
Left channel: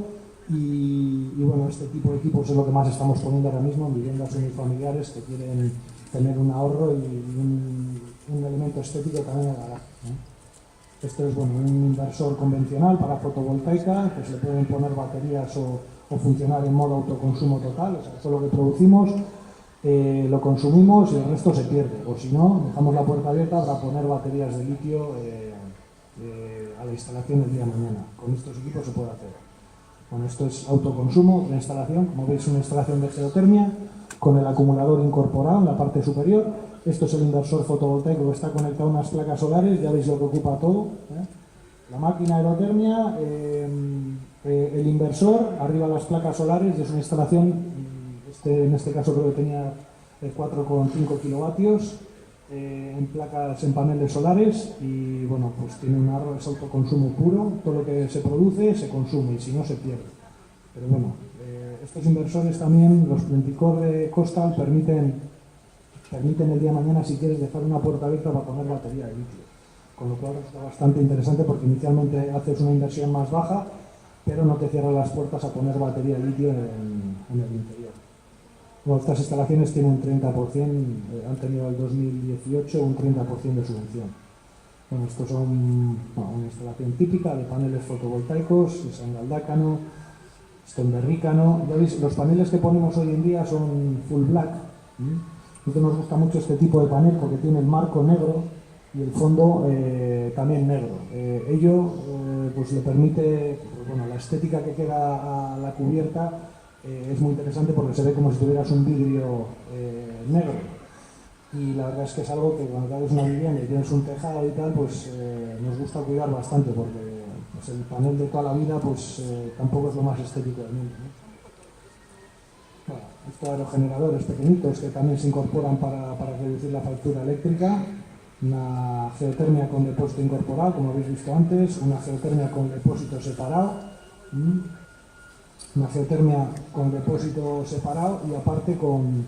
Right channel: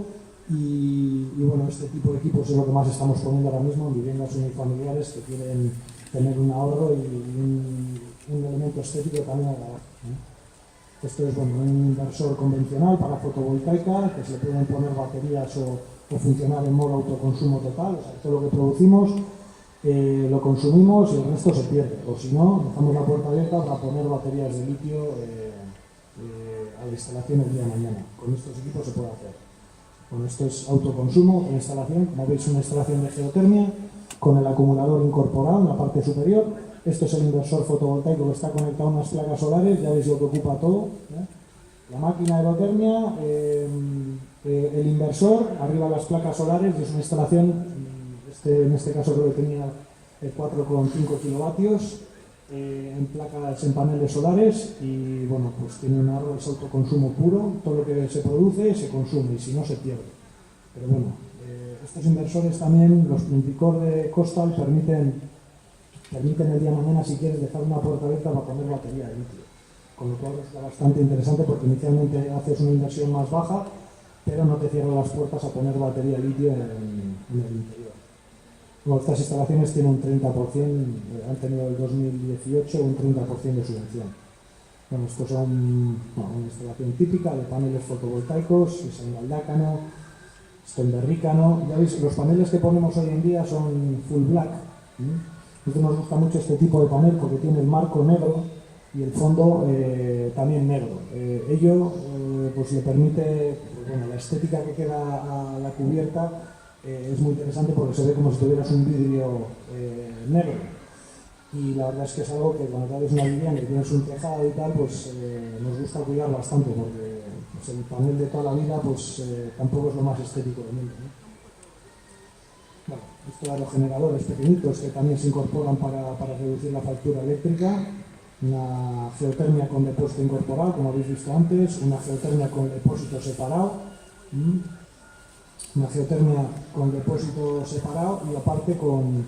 y bueno, este tipo de equipos es lo que más estamos poniendo ahora mismo en viviendas unifamiliares que quieren tener un ahorro y un elemento estético también en el garaje. Esto es bueno, un inversor convencional para fotovoltaica, que se le pueden poner baterías o funcionar en modo autoconsumo total. O sea, todo lo que producimos lo consumimos y el resto se pierde. O si no, dejamos la puerta abierta para poner baterías de litio a la instalación el día de mañana. Con estos equipos se puede hacer. Bueno, esto es autoconsumo, otra instalación. Como veis, una instalación de geotermia con el acumulador incorporado en la parte superior. Esto es el inversor fotovoltaico que está conectado a unas placas solares, ya veis lo que ocupa todo. La máquina aerotermia, el inversor, arriba las placas solares, es una instalación, en este caso creo que tenía 4,5 kilovatios en paneles solares y bueno, pues tiene un ahorro, es autoconsumo puro, todo lo que se produce se consume y si no se pierde. Pero bueno, estos inversores también, los Plenticore de Costal, permiten el día de mañana, si quieres, dejar una puerta abierta para poner batería de litio. Con lo cual está bastante interesante porque inicialmente haces una inversión más baja, pero no te cierran las puertas a poner batería de litio en el interior. Bueno, estas instalaciones tienen un 30%, han tenido el 2018 un 30% de subvención. Bueno, estos son una instalación típica de paneles fotovoltaicos, es en Galdácano, esto en Berrícano. Ya veis, los paneles que ponemos hoy en día son full black. A nosotros nos gusta mucho este tipo de panel porque tiene el marco negro y el fondo también negro. Ello pues le permite, pues, bueno, la estética que queda a la cubierta es muy interesante porque se ve como si tuvieras un vidrio negro. Y la verdad es que es algo que cuando te haces una vivienda y tienes un tejado y tal, pues nos gusta cuidar bastante porque pues, el panel de toda la vida pues tampoco es lo más estético del mundo, ¿no? Bueno, estos aerogeneradores pequeñitos que también se incorporan para reducir la factura eléctrica, una geotermia con depósito incorporado, como habéis visto antes, una geotermia con depósito separado, una geotermia con depósito separado y aparte con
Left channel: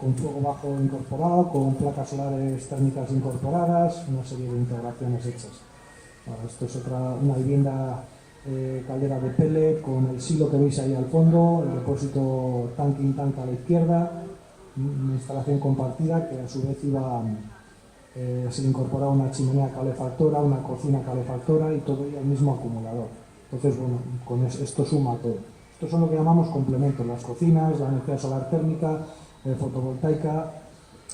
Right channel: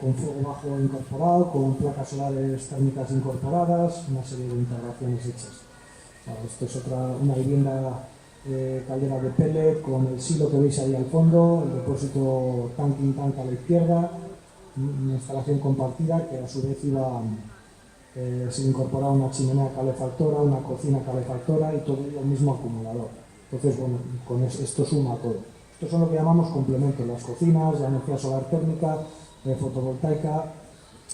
fuego bajo incorporado, con placas solares térmicas incorporadas, una serie de integraciones hechas. Bueno, esto es una vivienda caldera de pellet con el silo que veis ahí al fondo, el depósito tanking tank a la izquierda, una instalación compartida que a su vez se incorporaba una chimenea calefactora, una cocina calefactora y todo ello al mismo acumulador. Entonces, bueno, con esto suma todo. Estos son lo que llamamos complementos, las cocinas, la energía solar térmica, fotovoltaica,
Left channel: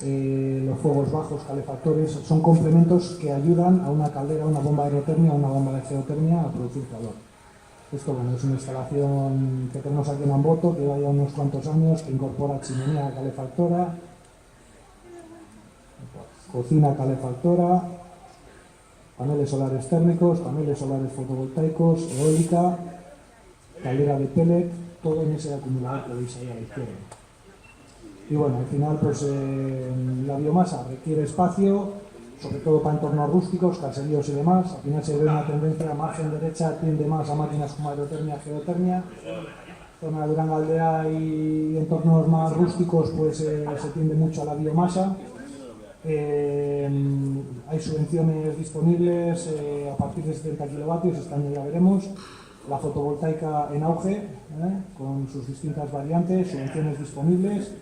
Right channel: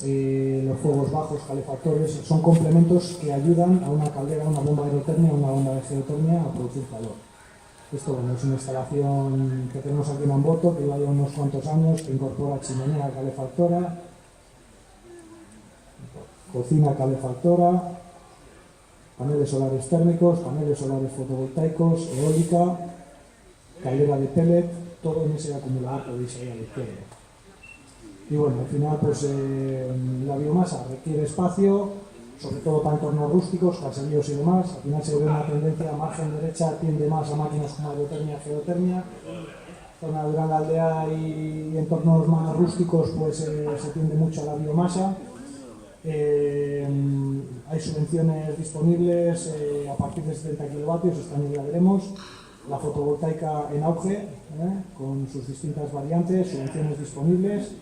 los fuegos bajos, calefactores, son complementos que ayudan a una caldera, a una bomba de aerotermia, a una bomba de geotermia a producir calor. Esto, bueno, es una instalación que tenemos aquí en Amboto, que lleva ya unos cuantos años, que incorpora chimenea calefactora, cocina calefactora, paneles solares térmicos, paneles solares fotovoltaicos, eólica, caldera de pellet, todo en ese acumulador que veis ahí a la izquierda. Y bueno, al final pues la biomasa requiere espacio, sobre todo para entornos rústicos, caseríos y demás. Al final se ve una tendencia, margen derecha tiende más a máquinas como aerotermia, geotermia. Zona de Durangaldea y entornos más rústicos pues se tiende mucho a la biomasa. Hay subvenciones disponibles a partir de 70 kilovatios, este año ya veremos. La fotovoltaica en auge, con sus distintas variantes, subvenciones disponibles.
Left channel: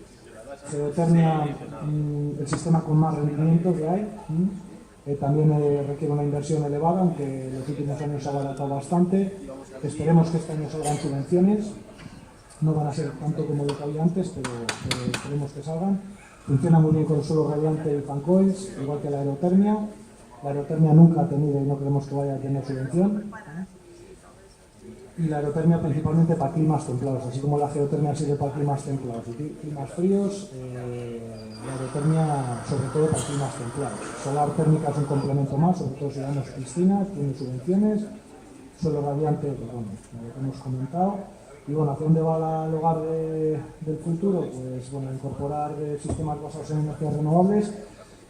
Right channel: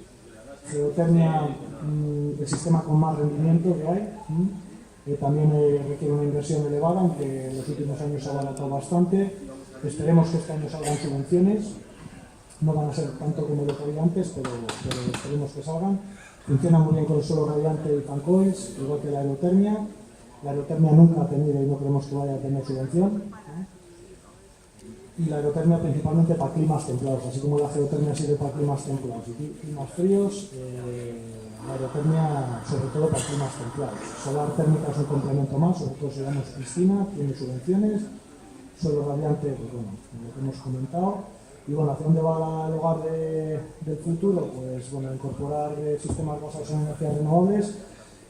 Geotermia, el sistema con más rendimiento que hay, también requiere una inversión elevada, aunque en los últimos años se ha abaratado bastante. Esperemos que este año salgan subvenciones, no van a ser tanto como lo que había antes, pero esperemos que salgan. Funciona muy bien con el suelo radiante y fan coils, igual que la aerotermia. La aerotermia nunca ha tenido y no creemos que vaya a tener subvención. Y la aerotermia principalmente para climas templados, así como la geotermia sirve para climas templados y climas fríos, la aerotermia sobre todo para climas templados. Solar térmica es un complemento más, sobre todo si damos piscina, tiene subvenciones. Suelo radiante, pues bueno, lo que hemos comentado. Y bueno, ¿hacia dónde va el hogar del futuro? Pues bueno, incorporar sistemas basados en energías renovables.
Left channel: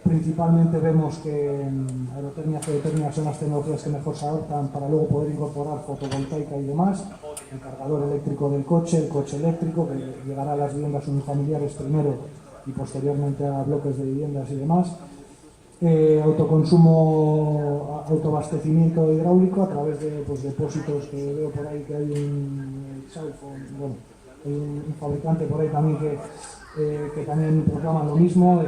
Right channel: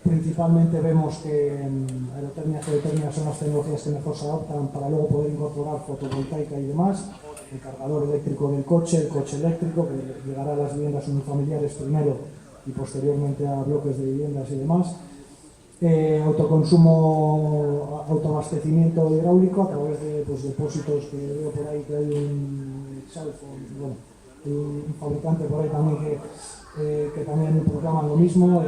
Principalmente vemos que aerotermia y geotermia son las tecnologías que mejor se adoptan para luego poder incorporar fotovoltaica y demás. El cargador eléctrico del coche, el coche eléctrico, que llegará a las viviendas unifamiliares primero y posteriormente a bloques de viviendas y demás. Autoconsumo, autoabastecimiento hidráulico a través de pues, depósitos que veo por ahí que hay bueno, hay un fabricante por ahí también que también proclaman lo mismo,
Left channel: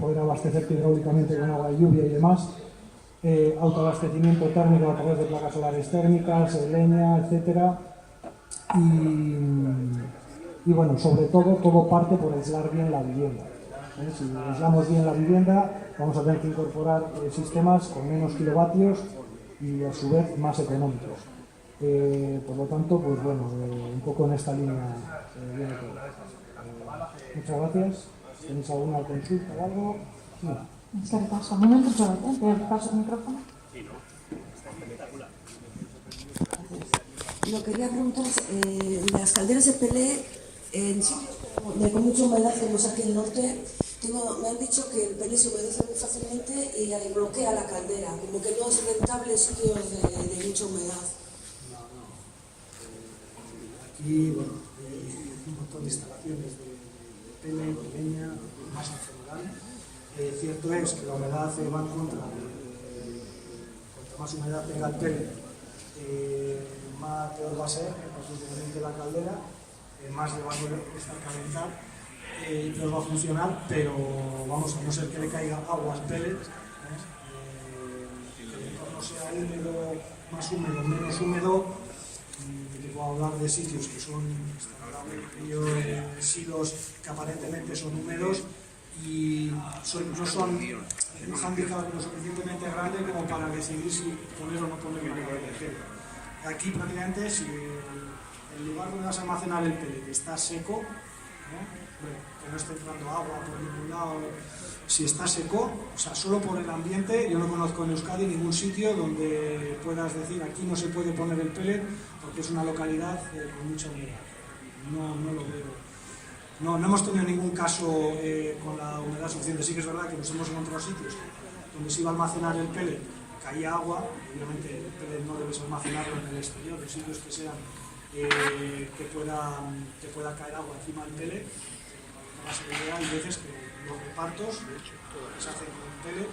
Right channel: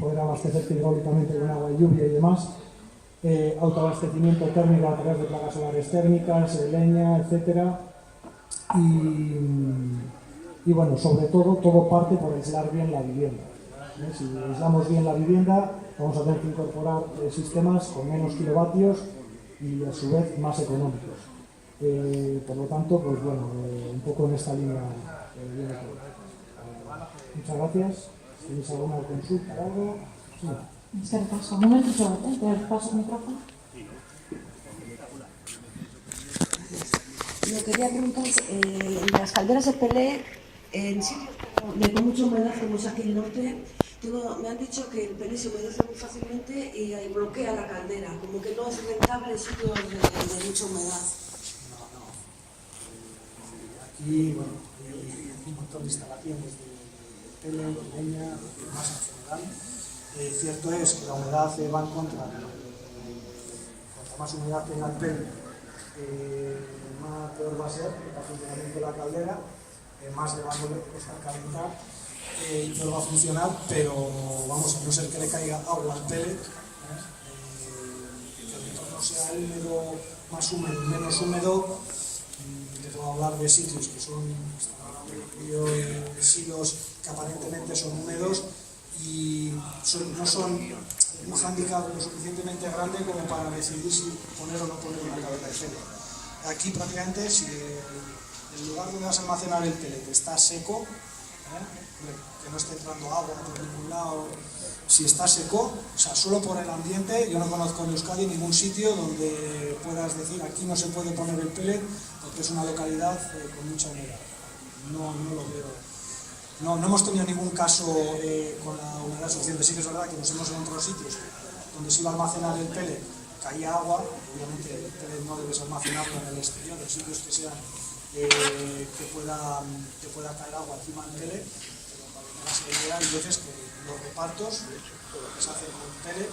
poder abastecerte hidráulicamente con agua de lluvia y demás. Autoabastecimiento térmico a través de placas solares térmicas, leña, etcétera. Y bueno, sobre todo parte por aislar bien la vivienda. Si aislamos bien la vivienda, vamos a tener que incorporar sistemas con menos kilovatios y a su vez más económicos. Por lo tanto, pues bueno, un poco en esta línea viene todo. Muchas gracias. ¿Tenéis alguna consulta o algo? Sí. Es que repaso. Un momento, te paso el micrófono. Lo que quería preguntaros, las calderas de pellet, en sitios con mucha humedad, como aquí en el norte, me han dicho que el pellet se humedece muy fácilmente y bloquea la caldera, como que no es rentable en sitios de mucha humedad. Aquí, bueno, hay un montón de instalaciones de pellet, de leña, de masa en general. Cierto es que la humedad va en contra. Cuanto más humedad tenga el pellet, más peor va a ser el funcionamiento de la caldera, más le va a calentar y peor va a funcionar, pero vamos, a no ser que le caiga agua al pellet, que el entorno sea húmedo, más húmedo, menos húmedo. Te puedo hablar de sitios que son silos que aparentemente son húmedos y no son un hándicap lo suficientemente grande como para decidir si poner o no poner una caldera de pellet. Aquí prácticamente si el lugar donde vas a almacenar el pellet está seco, que no esté entrando agua por ningún lado, si está seco, o sea, solo por el ambiente, yo no conozco en Euskadi ningún sitio donde puedas decir aquí no se puede poner el pellet porque es una localidad con mucha humedad. No lo veo. No hemos tenido ningún caso con la humedad suficiente. Sí que es verdad que nos hemos encontrado sitios donde se iba a almacenar el pellet, caía agua, obviamente el pellet no debes almacenarlo en el exterior, en sitios que sean que pueda caer agua encima del pellet. Hay veces que los repartos, todo lo que se hace con el pellet,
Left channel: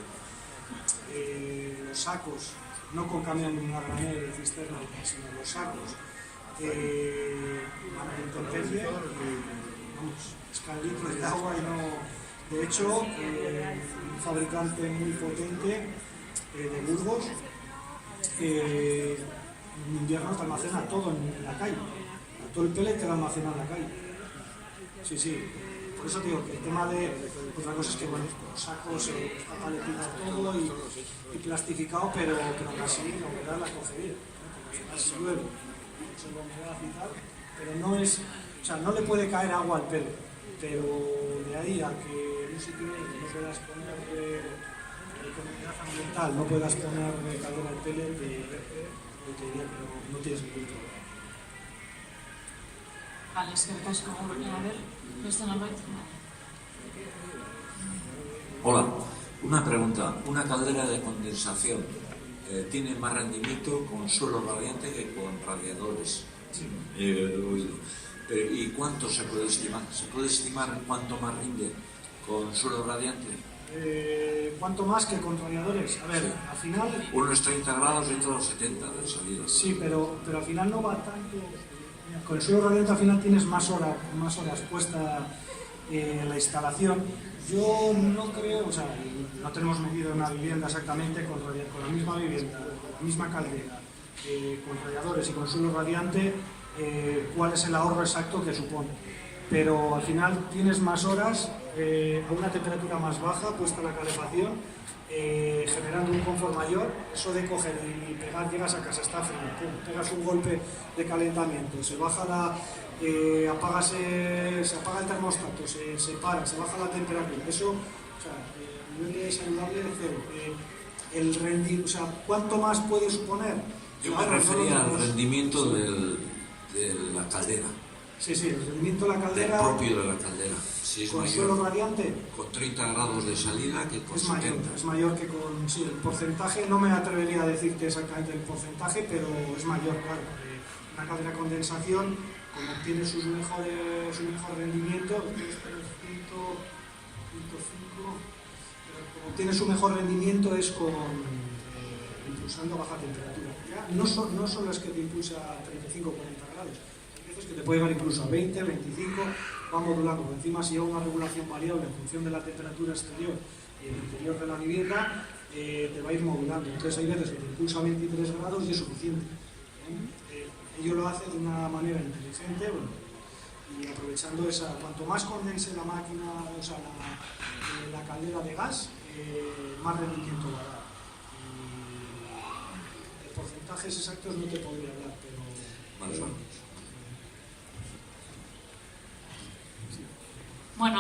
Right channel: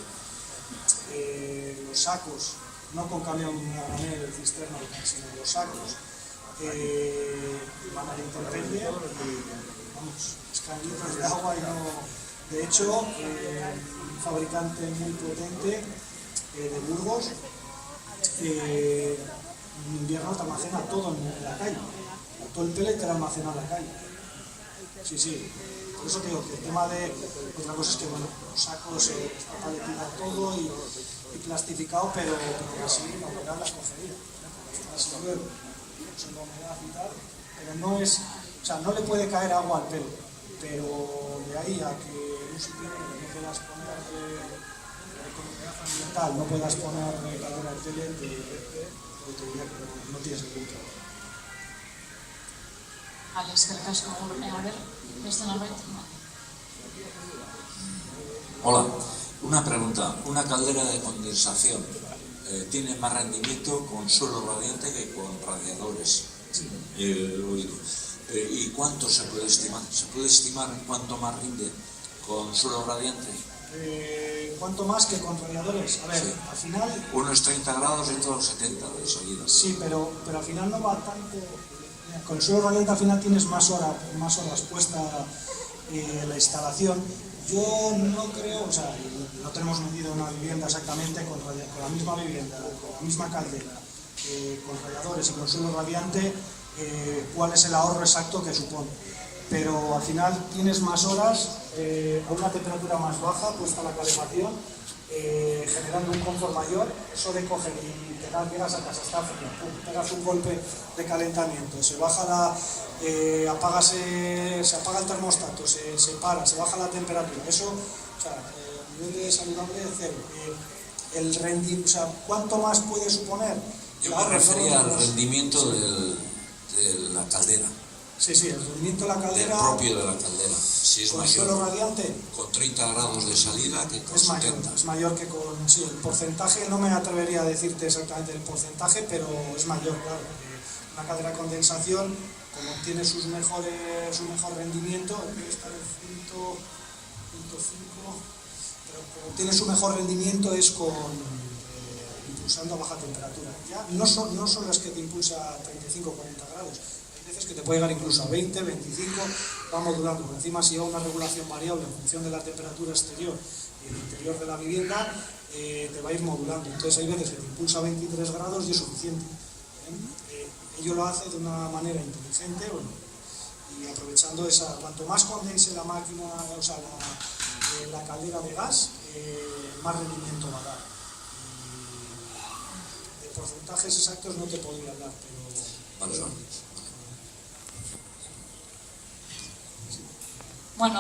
los sacos, no con camión de una granel de cisterna, sino los sacos, van a la intemperie y vamos, esclavitos de agua y no. De hecho, un fabricante muy potente de Burgos En invierno te almacena todo en la calle. Todo el pellet te lo almacena en la calle. Sí, sí. Por eso te digo que el tema de otra cosa es que bueno, los sacos está paletizado todo y plastificado, pero así no me dan la escogería. Así llueve, se lo humedad y tal, pero no es, o sea, no le puede caer agua al pelo, pero de ahí a que en un sitio no te das cuenta de economía ambiental, no puedas poner calor al pelo, te diría que no tienes ningún problema. Vale, es que el casco, a ver, esto no lo entiendo. Hola, una pregunta. Una caldera de condensación tiene más rendimiento con suelo radiante que con radiadores. Sí. ¿Y cuánto se puede estimar? ¿Se puede estimar cuánto más rinde con suelo radiante? ¿Cuánto más que con radiadores? A ver, Sí. al final... Uno es 30 grados y otro 70 de salida. Sí, pero al final no va tanto... Con el suelo radiante al final tienes más horas puesta la instalación. Yo no creo, o sea, no tenemos medido una vivienda exactamente con la misma vivienda, con la misma caldera, con radiadores y con suelo radiante, cuál es el ahorro exacto que supone. Pero al final tienes más horas a una temperatura más baja, puesta la calefacción, generando un confort mayor. Eso de coger y pegar, llegas a casa, está frío, pum, pegas un golpe de calentamiento, se baja se apaga el termostato, se para, se baja la temperatura. Eso, o sea, a nivel de saludable, cero. O sea, ¿cuánto más puede suponer? Yo me refería al rendimiento de la caldera. Sí, el rendimiento de la caldera. Del propio de la caldera. Si es con mayor, suelo radiante, con 30 grados de salida que con es 70. mayor que con... Sí, el porcentaje, no me atrevería a decirte exactamente el porcentaje, pero es mayor, claro. Una caldera de condensación, como tiene su mejor rendimiento, debe estar el 100.5, pero como tiene su mejor rendimiento es impulsando a baja temperatura. Ya no son las que te impulsa a 35 o 40 grados. Que te puede llegar incluso a 20, 25, va modulando. Por encima, si lleva una regulación variable en función de la temperatura exterior y el interior de la vivienda, te va a ir modulando. Entonces hay veces que te impulsa a 23 grados y es suficiente. Ello lo hace de una manera inteligente, bueno, y aprovechando cuanto más condense la máquina, o sea, la caldera de gas, más rendimiento va a dar. De porcentajes exactos no te podría hablar, pero... Vale. Bueno,